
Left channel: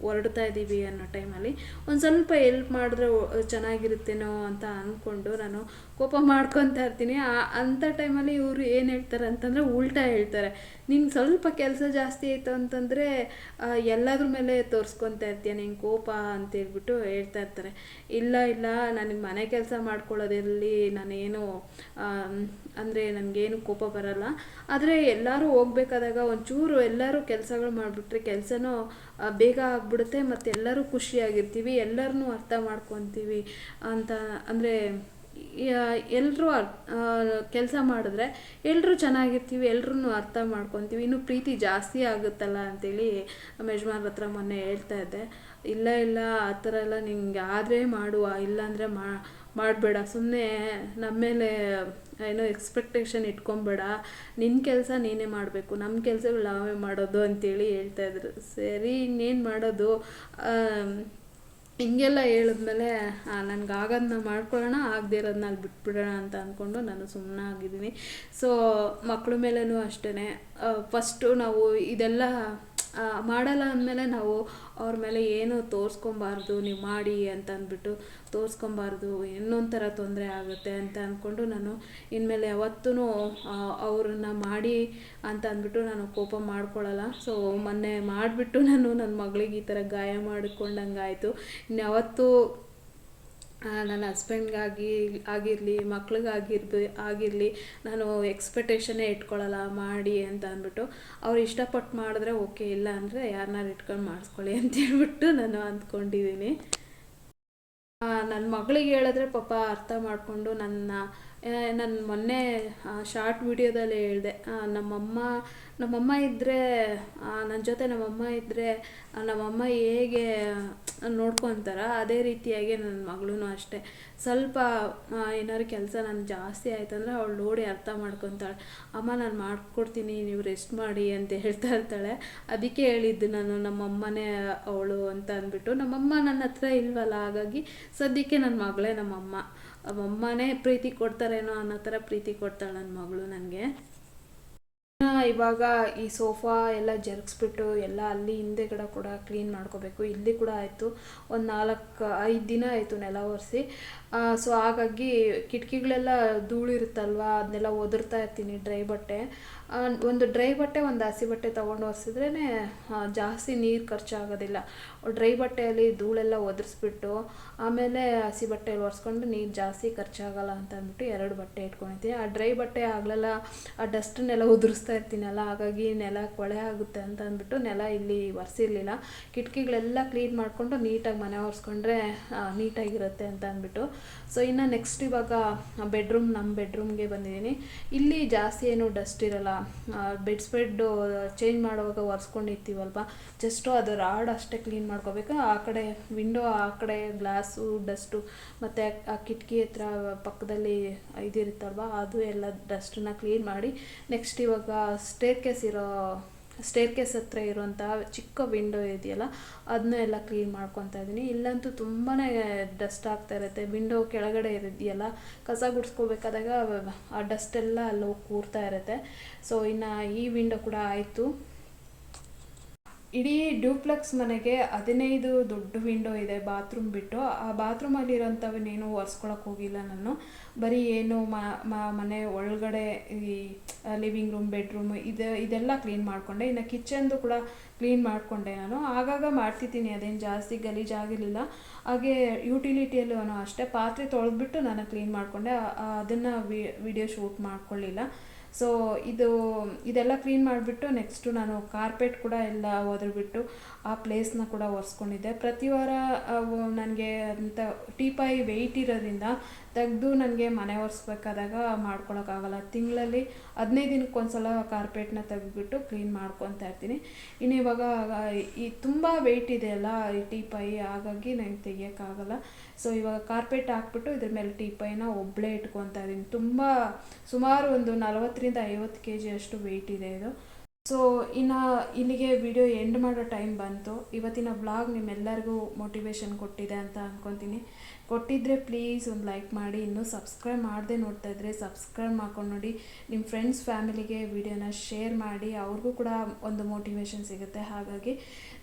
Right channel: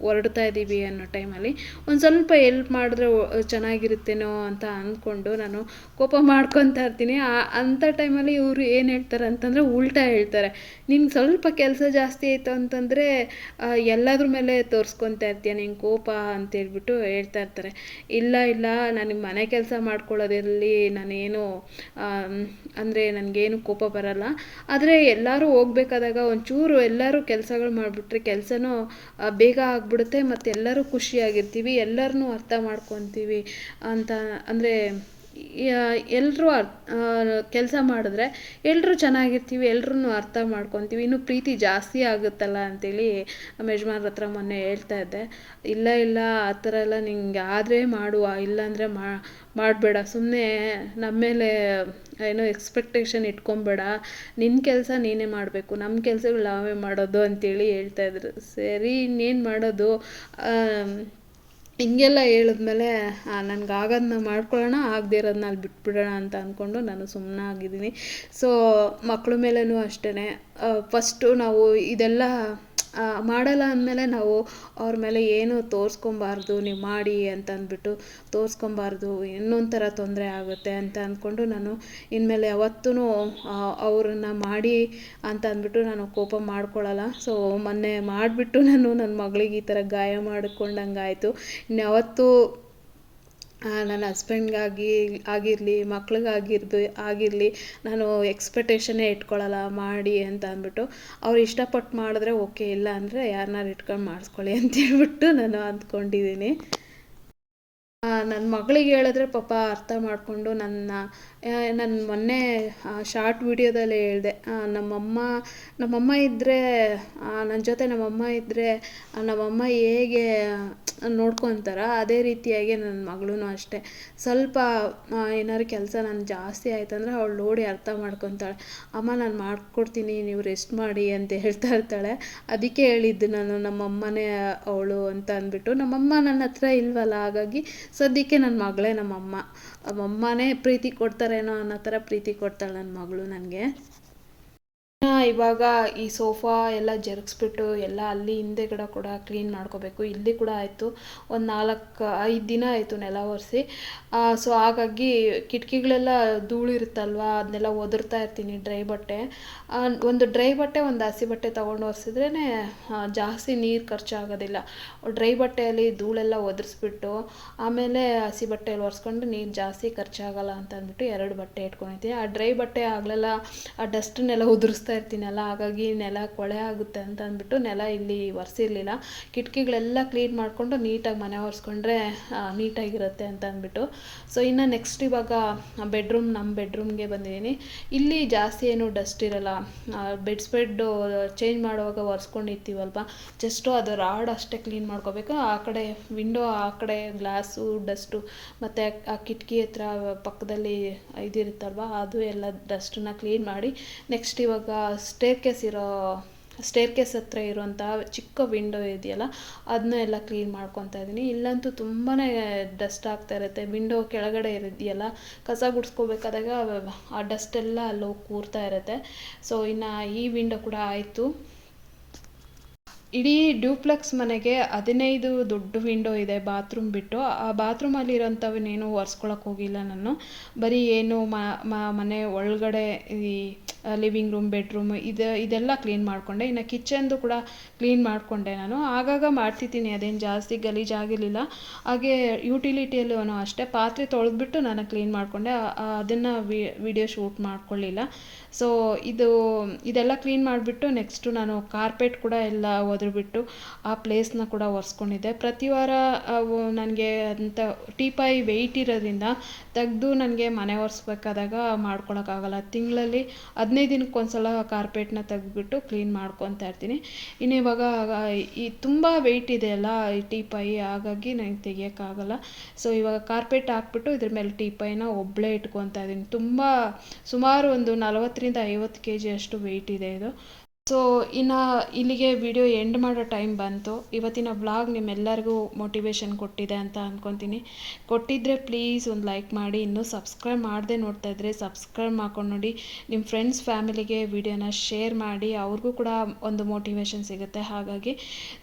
ಹೊರಡ್ತಾ ಇದ್ದೀವಿ ಅನ್ನೋ ಟೈಮಲ್ಲಿ ಒಂದು ಸ್ವಲ್ಪ ಎಲ್ಪ್ ಮಾಡಿದ್ರೆ ಚೆನ್ನಾಗಿರುತ್ತೇನೋ ಅಂತ ಅಂದ್ಕೊಂಡು ನಾನು ಕೋಪ ಮಾಡ್ಕೊತಾ ಇರ್ತೀನಿ. ಅಂಥ ಟೈಮಲ್ಲಿ ಇವರು ಏನು ಹೇಳ್ತಾರೆ ಅಂತಂದರೆ ಉಲ್ಟಾ ಹೇಳ್ತಾರೆ. ನೀನು ಸ್ವಲ್ಪ ಕೆಲಸ ಜಾಸ್ತಿ ಆಯಿತು ಅಂತಂದರೆ ಎಲ್ಲದ್ರ ಮೇಲೆ ತೋರಿಸ್ಕೊತಾ ಇರ್ತೀಯ ನಿನ್ನ ಕೋಪ ಅಂತೇಳ್ಬಿಟ್ಟು ಹೇಳ್ತಾ ಇರ್ತಾರೆ. ಇಲ್ಲ ಇಲ್ಲ ನನಗೆ ಮನೆ ಕೆಲಸ ಮಾಡ್ಕೊಳ್ಳೋದ್ರಲ್ಲಿ ನಾನೇನು ಅಂದರೆ ನನಗೇನು ಕೋಪ ಬರಲ್ಲ. ಆದರೆ ಎಲ್ಲರೂ ಹೋಗ್ಬೇಕಾದಾಗ ಒಂಚೂರು ಎಲ್ಲರೂ ಕೆಲಸಗಳು ಮಾಡಿಬಿಟ್ರೆ ಕೆಲಸನೂ ಬೇಗ ಆಗಿಬಿಡುತ್ತೆ ಮತ್ತು ಎಲ್ಲರೂ ಖುಷಿಯಾಗಿರ್ತೀವಿ ಎಲ್ಲರನ್ನೂ ಅರ್ಥ ಮಾಡ್ಕೊತೀವಿ ಅಂತ, ಅಂದರೆ ಎಲ್ಲರೂ ಕೆಲಸ ಮಾಡಿದ್ರೆ ಎಲ್ಲರೂ ಚೆನ್ನಾಗಿರ್ತೀವಿ ಎಲ್ರೂ ಅರ್ಥ ಮಾಡ್ಕೊತೀವಿ. ಇನ್ನೂ ಪ್ರೀತಿ ಜಾಸ್ತಿ ಆಗುತ್ತಲ್ಲ ಅಂತೇಳಿ ನಮ್ಮ ಯಜಮಾನ್ರ ಹತ್ರ ಮೊನ್ನೆ ಹೇಳ್ತಾ ಇದ್ದೆ. ಇಲ್ಲ ಇಲ್ಲ, ಆ ಥರ ಎಲ್ಲ ನಿಂಗೆ ಆದರೆ ಮಾಡುವ, ಇಲ್ಲಾಂದರೆ ಮಾಡಬೇಡ. ಸುಮ್ಮನೆ ನಮ್ಮ ಮೇಲೆ ಏನೋ ಎಕ್ಸ್ಪೆಕ್ಟೇಷನ್ ಇಟ್ಕೊಂಬೇಡ. ನಿನ್ನ ಕೆಲಸ ನೀನೇ ಮಾಡಬೇಕು. ನಮ್ಮ ಕೆಲಸಗಳು ನಾವೇ ಮಾಡೋದು ಅಂತೇಳಿ ಹೇಳ್ತಾಯಿದ್ರು ಸರಿ, ಇನ್ನೇನು ಮಾಡೋದು? ಹಿಂಗೆಲ್ಲ ಹೇಳಿದ್ಮೇಲೆ ನನ್ಗೆ ಆಗೋದನ್ನ ಮಾಡ್ಕೊಳ್ಳೋಣ, ಆಗದೇ ಇರೋದನ್ನ ಅಲ್ಲಿ ಬಿಟ್ಬಿಡೋಣ ಅಂತ ಅಂದ್ಕೊಂಡು ನಾನು ಸುಮ್ಮನಾಗಿದ್ದೀನಿ ಸೊ ಮಕ್ಳ ಮೇಲೂ ಅಷ್ಟೇ ಫಸ್ಟು ನಾವು ಇದೆಲ್ಲ ಮಾಡಲ್ಲ ಅಂದಮೇಲೆ ನಾವು ಅವ್ರ ಮೇಲೆ ಏನು ತೋರಿಸ್ಕೊಬಾರ್ದು, ನೀವು ಮಾಡಿ ಅಂತ ಅಂದ್ಬಿಟ್ಟು ತೋರಿಸ್ಕೊಬಾರ್ದು, ಇನ್ನೊಂಥರ ಥರ ತೊಂದರೆ ಆಗುತ್ತೆ ಅಂತ ಅಂದ್ಕೊಂಡು ನಾನು ಇನ್ಮೇಲೆ ಯಾವತ್ತೂ ಅವ್ರನ್ನ ಮಾಡಿ ಅಂತ ಅಂದ್ಬಿಟ್ಟು ನಾನು ಕೋಪ ಮಾಡ್ಕೊಳ್ಳಲ್ಲ ಸೊ ಮೊನ್ನೆ ಮಾಡಿಬಿಟ್ಟು ನಾನು ನನ್ನ ಮಗಳಿಗೆ ಈ ಥರ ಗಾಯ ಮಾಡಿಕೊಂಡಂಗಾಯಿತು. ಇನ್ಯಾವತ್ತೂ ನನ್ನ ಹಸ್ಬೆಂಡ್ಗಾಗಿ ಆಗಿರಲಿ, ಮಕ್ಳಿಗಾಗಿರ್ದು, ಆಗಿರಲಿ, ನಾನು ಎಕ್ಸ್ಪೆಕ್ಟೇಷನ್ನೇ ಇಟ್ಕೊಳ್ಳಲ್ಲ ಮಾಡಿ ಅಂತ ಅಂದ್ಬಿಟ್ಟು ಅವ್ರು ಇಷ್ಟಪಟ್ಟು ಮಾಡಿದ್ರೆ ಓಕೆ ಇಲ್ಲ ಅಂದರೆ ಯಾರನ್ನಾರು ಇಟ್ಕೊಂಡು ಮಾಡಿಸ್ಕೊಳ್ಳಿ ಅಂತೇಳ್ಬಿಟ್ಟು ನಾನು ಅಂದ್ಕೊಂಡಿದ್ದೀನಿ. ನನ್ನ ಮಗಳಿಗೆ ಹೇಳಿದ್ರೆ ಪಾಪ ಅರ್ಥ ಮಾಡಿಕೊಂಡು ನನ್ನ ನಾನು ಮೊನ್ನೆ ಶಾರ್ಟ್ ವಿಡಿಯೋದಲ್ಲಿ ಹೇಳಿದೆ. ನಮ್ಮಮ್ಮ ನಮ್ಮಮ್ಮ ಇದ್ದರೆ ನನ್ನ ಜೊತೆ ನಮ್ಮಮ್ಮ ಇದ್ದರೆ ನಮ್ಮಮ್ಮ ಹೇಗೆ ನೋಡ್ಕೊತಾರೋ ಅದೇ ರೀತಿಯಾಗಿ ನನ್ನ ಮಗಳೂ ಅಷ್ಟೇ. ಸ್ವಲ್ಪ ಏನಾದ್ರು ಕೆಲಸ ನಾನು ಜಾಸ್ತಿ ಆಯ್ತಂದ್ರೆ ಅವಳು ನೋಡಿ ಅರ್ಥ ಮಾಡ್ಕೊತಾಳೆ. ಅಮ್ಮ, ನಾನು ಮಾಡ್ಕೊಡ್ತೀನಿ, ನೀವು ರೆಸ್ಟ್ ಮಾಡಿ ಅಂತ ಹೇಳ್ತಾ ಇರ್ತಾಳೆ. ಅದಕ್ಕೆ ಹೇಳಿದ್ದು ನಾನು, ನಮ್ಮಮ್ಮನೇ ಅವಳು ಅಂತ ಅಂದ್ಬಿಟ್ಟು. ನಮ್ಮಮ್ಮ ನನ್ನ ಹತ್ರ ಇಲ್ವಲ್ಲ, ಹಾಗಾಗಿ ಸದ್ಯಕ್ಕೆ ನನ್ನ ಮಗಳೇ ನಮ್ಮಮ್ಮ. ಅಮ್ಮನೇ ಪ್ರೀತಿ ಕೊಡ್ತಾರೇನೋ ಅನ್ನೋ ಥರ ಪ್ರೀತಿ ಕೊಡ್ತಾಳೆ ನನ್ನ ಮಗಳು ನನಗೆ. ಇವಾಗ ಈ ಸೋಫಾ ಎಲ್ಲ ಜರುಗಿಸ್ಬಿಟ್ಟು ಎಲ್ಲ ಅಲ್ಲಿ ಹಿಂದೆಗಡೆ ಕೂಡ ಕ್ಲೀನ್ ಮಾಡ್ಕೋಬೇಕು. ಇಲ್ಲಿ ಕೂಡ ಆಯಿತು. ಒಂದು ನಾಲ್ಕು, ಐದು ದಿನ ಆಯಿತು ನೆಲ ಒರೆಸಿ. ಸೊ ಹಾಗಾಗಿ ಕಿಟಕಿಗಳೆಲ್ಲ ಧೂಳಿರುತ್ತಲ್ವ? ಅದನ್ನೆಲ್ಲ ಒದರ್ತಾ ಇರ್ತೀನಿ ಡ್ರೈ ಬಟ್ಟೆ. ಒಂದು ಡ್ರೈ ಬಟ್ಟೆ, ಒಂದು ಹಸಿ ಬಟ್ಟೆ ತೊಗೊಂಡು ಒರೆಸಿದ್ರೇ ಜಾಸ್ತಿ ನೀರು ಖರ್ಚಾಗೋದಿಲ್ಲ. ಡ್ರೈ ಬಟ್ಟೆಯಲ್ಲಿ ಧೂಳೆಲ್ಲ ಒದರಿಸ್ಬಿಟ್ಟು, ಆಮೇಲೆ ಹಸಿ ಬಟ್ಟೆಯಲ್ಲಿ ಒರೆಸ್ಕೊಂಡು ನೀರು ಜಾಸ್ತಿ ಖರ್ಚಾಗಲ್ಲ ಅಂತ ಅಂದ್ಬಿಟ್ಟು ಎರಡು ಬಟ್ಟೆ ಇಟ್ಕೊಂಡಿರ್ತೀನಿ ಆ ಡ್ರೈ ಬಟ್ಟೆ ಆಗಲೆಲ್ಲ ಆ ಡಸ್ಟನ್ನೆಲ್ಲ ಉದುರಿಸ್ತಾ ಇರ್ತೀನಲ್ಲ, ಹಾಗಾಗಿ ನೆಲ ಕೊಳೆ ಆಗುತ್ತೆ ಅಂತ ಅಂದ್ಬಿಟ್ಟು ನೆಲ ಇಲ್ಲಿ ಒರೆಸಿರ್ಲಿಲ್ಲ. ಕಿಟಕಿಗಳೆಲ್ಲ ಕ್ಲೀನ್ ಮಾಡಿಕೊಂಡು ನೀಟಾಗಿ ಮನೆ ಒರೆಸ್ಕೊಂಡ್ರೆ ನೀಟಾಗಿರುತ್ತೆ ಅಂತ ಅಂದ್ಬಿಟ್ಟು. ಸೊ ಇನ್ನು ನೆಕ್ಸ್ಟ್ ಇವಾಗ ಬೆಡ್ರೂಮ್ ನಮ್ಮ ಬೆಡ್ರೂಮ್ಗೆ ಬಂದಿದ್ದೀನಿ. ಇಲ್ಲಿ ಜಾಸ್ತಿ ಏನು ಡಸ್ಟ್ ಇರಲ್ಲ. ಬೆಡ್ ಸ್ಪ್ರೆಡ್ಡು ಚೇಂಜ್ ಮಾಡುವಾಗ ಒರೆಸ್ಕೊಂಡಿರ್ತೀವಲ್ವ? ಜಸ್ಟು ಅದು ರಾಡ್ ಅಷ್ಟೇ ಕ್ಲೀನ್ ಮಾಡ್ಕೋಬೇಕು. ಆ ಕಡೆ ವಿಂಡೋ ಆ ಕಡೆ ಗ್ಲಾಸು ಡಸ್ಟು ಮತ್ತು ಆ ಕಿಟಕಿ ಹತ್ರ ಪಕ್ಕದಲ್ಲಿ ಇದಿರುತ್ತಲ್ವ, ಅದು ಎಲ್ಲ ಡಸ್ಟನ್ನ ಕ್ಲೀನ್ ಮಾಡಿ ನೆಕ್ಸ್ಟ್ ಇವಾಗ ಸ್ಟೇರ್ ಕೇಸ್ ಇರೋ ಸ್ಟೇರ್ ಕೇಸ್ ಹತ್ರ ಇರುವಂತಹ ಚಿಕ್ಕ ವಿಂಡೋ ಇದೆಯಲ್ಲ ಅದನ್ನ ಎಲ್ಲ ಕ್ಲೀನ್ ಮಾಡ್ಕೊತಾ ಇದ್ದೀನಿ. ಇಲ್ಲಂತೂ ತುಂಬಾ ಡಸ್ಟ್ ಆಗ್ತಾ ಇರುತ್ತೆ. ವಿಂಡೋ ಕೆಳಗಡೆ ಇದೆಯಲ್ಲ ಕಸ ಗುಡಿಸ್ಕೋಬೇಕಾದಾಗ ಆ ಡಸ್ಟೆಲ್ಲ ಅಲ್ಲಿ ಹೋಗಿ ಕೂರ್ತಾ ಇರುತ್ತೆ. ಸೊ ಇನ್ನು ಈ ವಿಂಡೋ ಕೂಡ ಆಯಿತು. ಇಡೀ ಡ್ಯೂಪ್ಲೆಕ್ಸ್ ಮನೆಗೆ ಹದಿನೈದು ದೊಡ್ಡ ವಿಂಡೋ ಇದೆ ಬಾತ್ರೂಮ್ ಬಿಟ್ಟು. ಆ ಬಾತ್ರೂಮಲ್ಲಿರೋಂಥವನ್ನೇನು ಒರೆಸ್ಕೊಳಕ್ಕೆ ಹೋಗಿಲ್ಲ ನಾನು. ಬರೀ ಏನು ಮನೆ ಒಳಗಡೆ ಈ ಲಿವಿಂಗ್ ರೂಮ್, ಬೆಡ್ರೂಮ್ ಇದು, ಇದೆಲ್ಲ ಕ್ಲೀನ್ ಮಾಡಿಕೊಂಡೆ. ಇನ್ನು ಕಿಚನ್ದು ಕೂಡ ಕ್ಲೀನ್ ಮಾಡಿಕೊಂಡೆ ನಾನು. ಆಗಾಗ ಮಾಡ್ತಿದ್ದೀನಿ, ಅದೇನು ಜಾಸ್ತಿ ಗಲೀಜಾಗಿರಲಿಲ್ಲ ಹಾಗೆ ಯುಟಿಲಿಟಿಯಲ್ಲೂ ಅಷ್ಟೇ. ಪಾತ್ರೆ ತೊಳೆದ್ಬಿಟ್ಟು ನಾನು ಕ್ಲೀನ್ ಮಾಡಿಕೊಂಡೆ. ಅದನ್ನು ವಿಡಿಯೋ ಶೂಟ್ ಮಾಡ್ಕೊಳ್ಳಿಲ್ಲ. ಸೊ ಇದು, ಇದೆಲ್ಲ ಕ್ಲೀನ್ ಮಾಡಿಬಿಟ್ಟು ನೆಕ್ಸ್ಟು ನಾನು ಕಾರ್ಪೆಟ್ ಕೂಡ ಎಲ್ಲ ಒದ್ರಿಬಿಟ್ಟು ಆ ಪ್ಲೇಸ್ನ ಕೂಡ ಒರೆಸ್ಕೊಂಡಿದ್ದೆ. ಪ್ರತಿ ವಾರ ನನಗೆ ಅಂತ ಟೀಪಾಯಿ ವೆಯ್ಟ್ ಇರೋದ್ರಿಂದ ತೆಗೆದು ನನಗೆ ಮನೆ ಒರೆಸ್ಬೇಕಾದಾಗ ಮಾಡ್ಕೊಳಕ್ಕಾಗಲ್ಲ. ತಿಂಗಳಲ್ಲಿ ಹದಿನೈದು ದಿನಕ್ಕೆ ಒಂದ್ಸಲ ಕಾರ್ಪೆಟ್ನ ತೆಗೆದ್ಬಿಟ್ಟು ಕ್ಲೀನ್ ಮಾಡ್ಕೊತಾ ಇರ್ತೀನಿ. ಇನ್ನು ಇವಾಗ ಈ ತುಂಬ ವೆಯ್ಟ್ ಇದೆ ಅಲ್ಲ, ಈ ಟೀಪಾಯಿ ಹಾಗಾಗಿ ನನಗೆ ತೆಗಿಯೋಕ್ಕಾಗಲ್ಲ. ಸೊ ಇವಾಗ ಕಾರ್ಪೆಟ್ ಹಾಕ್ಬಿಟ್ಟು ಇದ್ರ ಮೇಲೆ ಟೀಪಾಯಿನ ಒಬ್ಬಳೇ ಇಟ್ಕೊತಾ ಇದ್ದೀನಿ. ತುಂಬ, ಸುಮಾರು ಒಂದು ನಲವತ್ತರಿಂದ ಐವತ್ತು ಕೆ ಜಿ ಅಷ್ಟು ವೆಯ್ಟ್ ಇದೆ ಇದು. ಸೊ ಇನ್ನು ಇಲ್ಲಿಗೆ ವಿಡಿಯೋ ಎಂಡ್ ಮಾಡೋ ಟೈಮ್ ಬಂತು. ಇವತ್ತಿನ ಬ್ಲಾಗ್ ನಿಮ್ಮೆಲ್ಲರಿಗೂ ಮೋಟಿವೇಶನ್ ಕೊಟ್ಟಿದೆ ಅಂತ ಅಂದ್ಕೊತೀನಿ ಕೊಟ್ಟಿದ್ದರೆ ಪ್ಲೀಸ್ ಒಂದು ಲೈಕ್ ಮಾಡಿ. ಇನ್ನೂ ಸಬ್ಸ್ಕ್ರೈಬ್ ಮಾಡದೆ ನೋಡ್ತಾ ಇದ್ದರೆ ಸಬ್ಸ್ಕ್ರೈಬ್ ಮಾಡ್ಕೊಂಡು ನೋಡಿ. ನಿಮ್ಮ ಫ್ರೆಂಡ್ಸ್ ಫ್ಯಾಮಿಲಿಗೆ ವಿಡಿಯೋನ ಶೇರ್ ಮಾಡಿ. ಅವ್ರಿಗೂ ಕೂಡ ಒಂದು ಮೋಟಿವೇಶನ್ ಸಿಗುತ್ತೆ ಹಾಗಾಗಿ.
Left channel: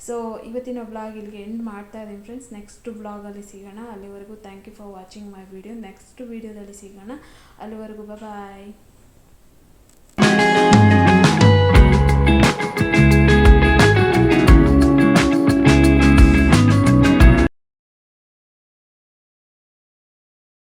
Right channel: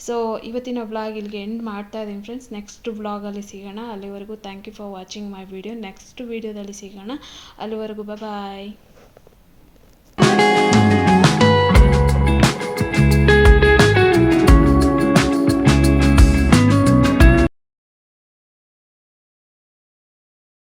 ಸೊ ಇವತ್ತಿನ ಬ್ಲಾಗ್ ಇಲ್ಲಿಗೆ ಎಂಡ್ ಮಾಡ್ತಾ ಇದ್ದೀನಿ ಫ್ರೆಂಡ್ಸ್ ನೆಕ್ಸ್ಟ್ ಬ್ಲಾಗಲ್ಲಿ ಸಿಗೋಣ. ಅಲ್ಲಿವರೆಗೂ thank you for watching my video next ವಿಡಿಯೋದಲ್ಲಿ ಸಿಗೋಣ. ಅಲ್ಲಿವರೆಗೂ ಬಾಯ್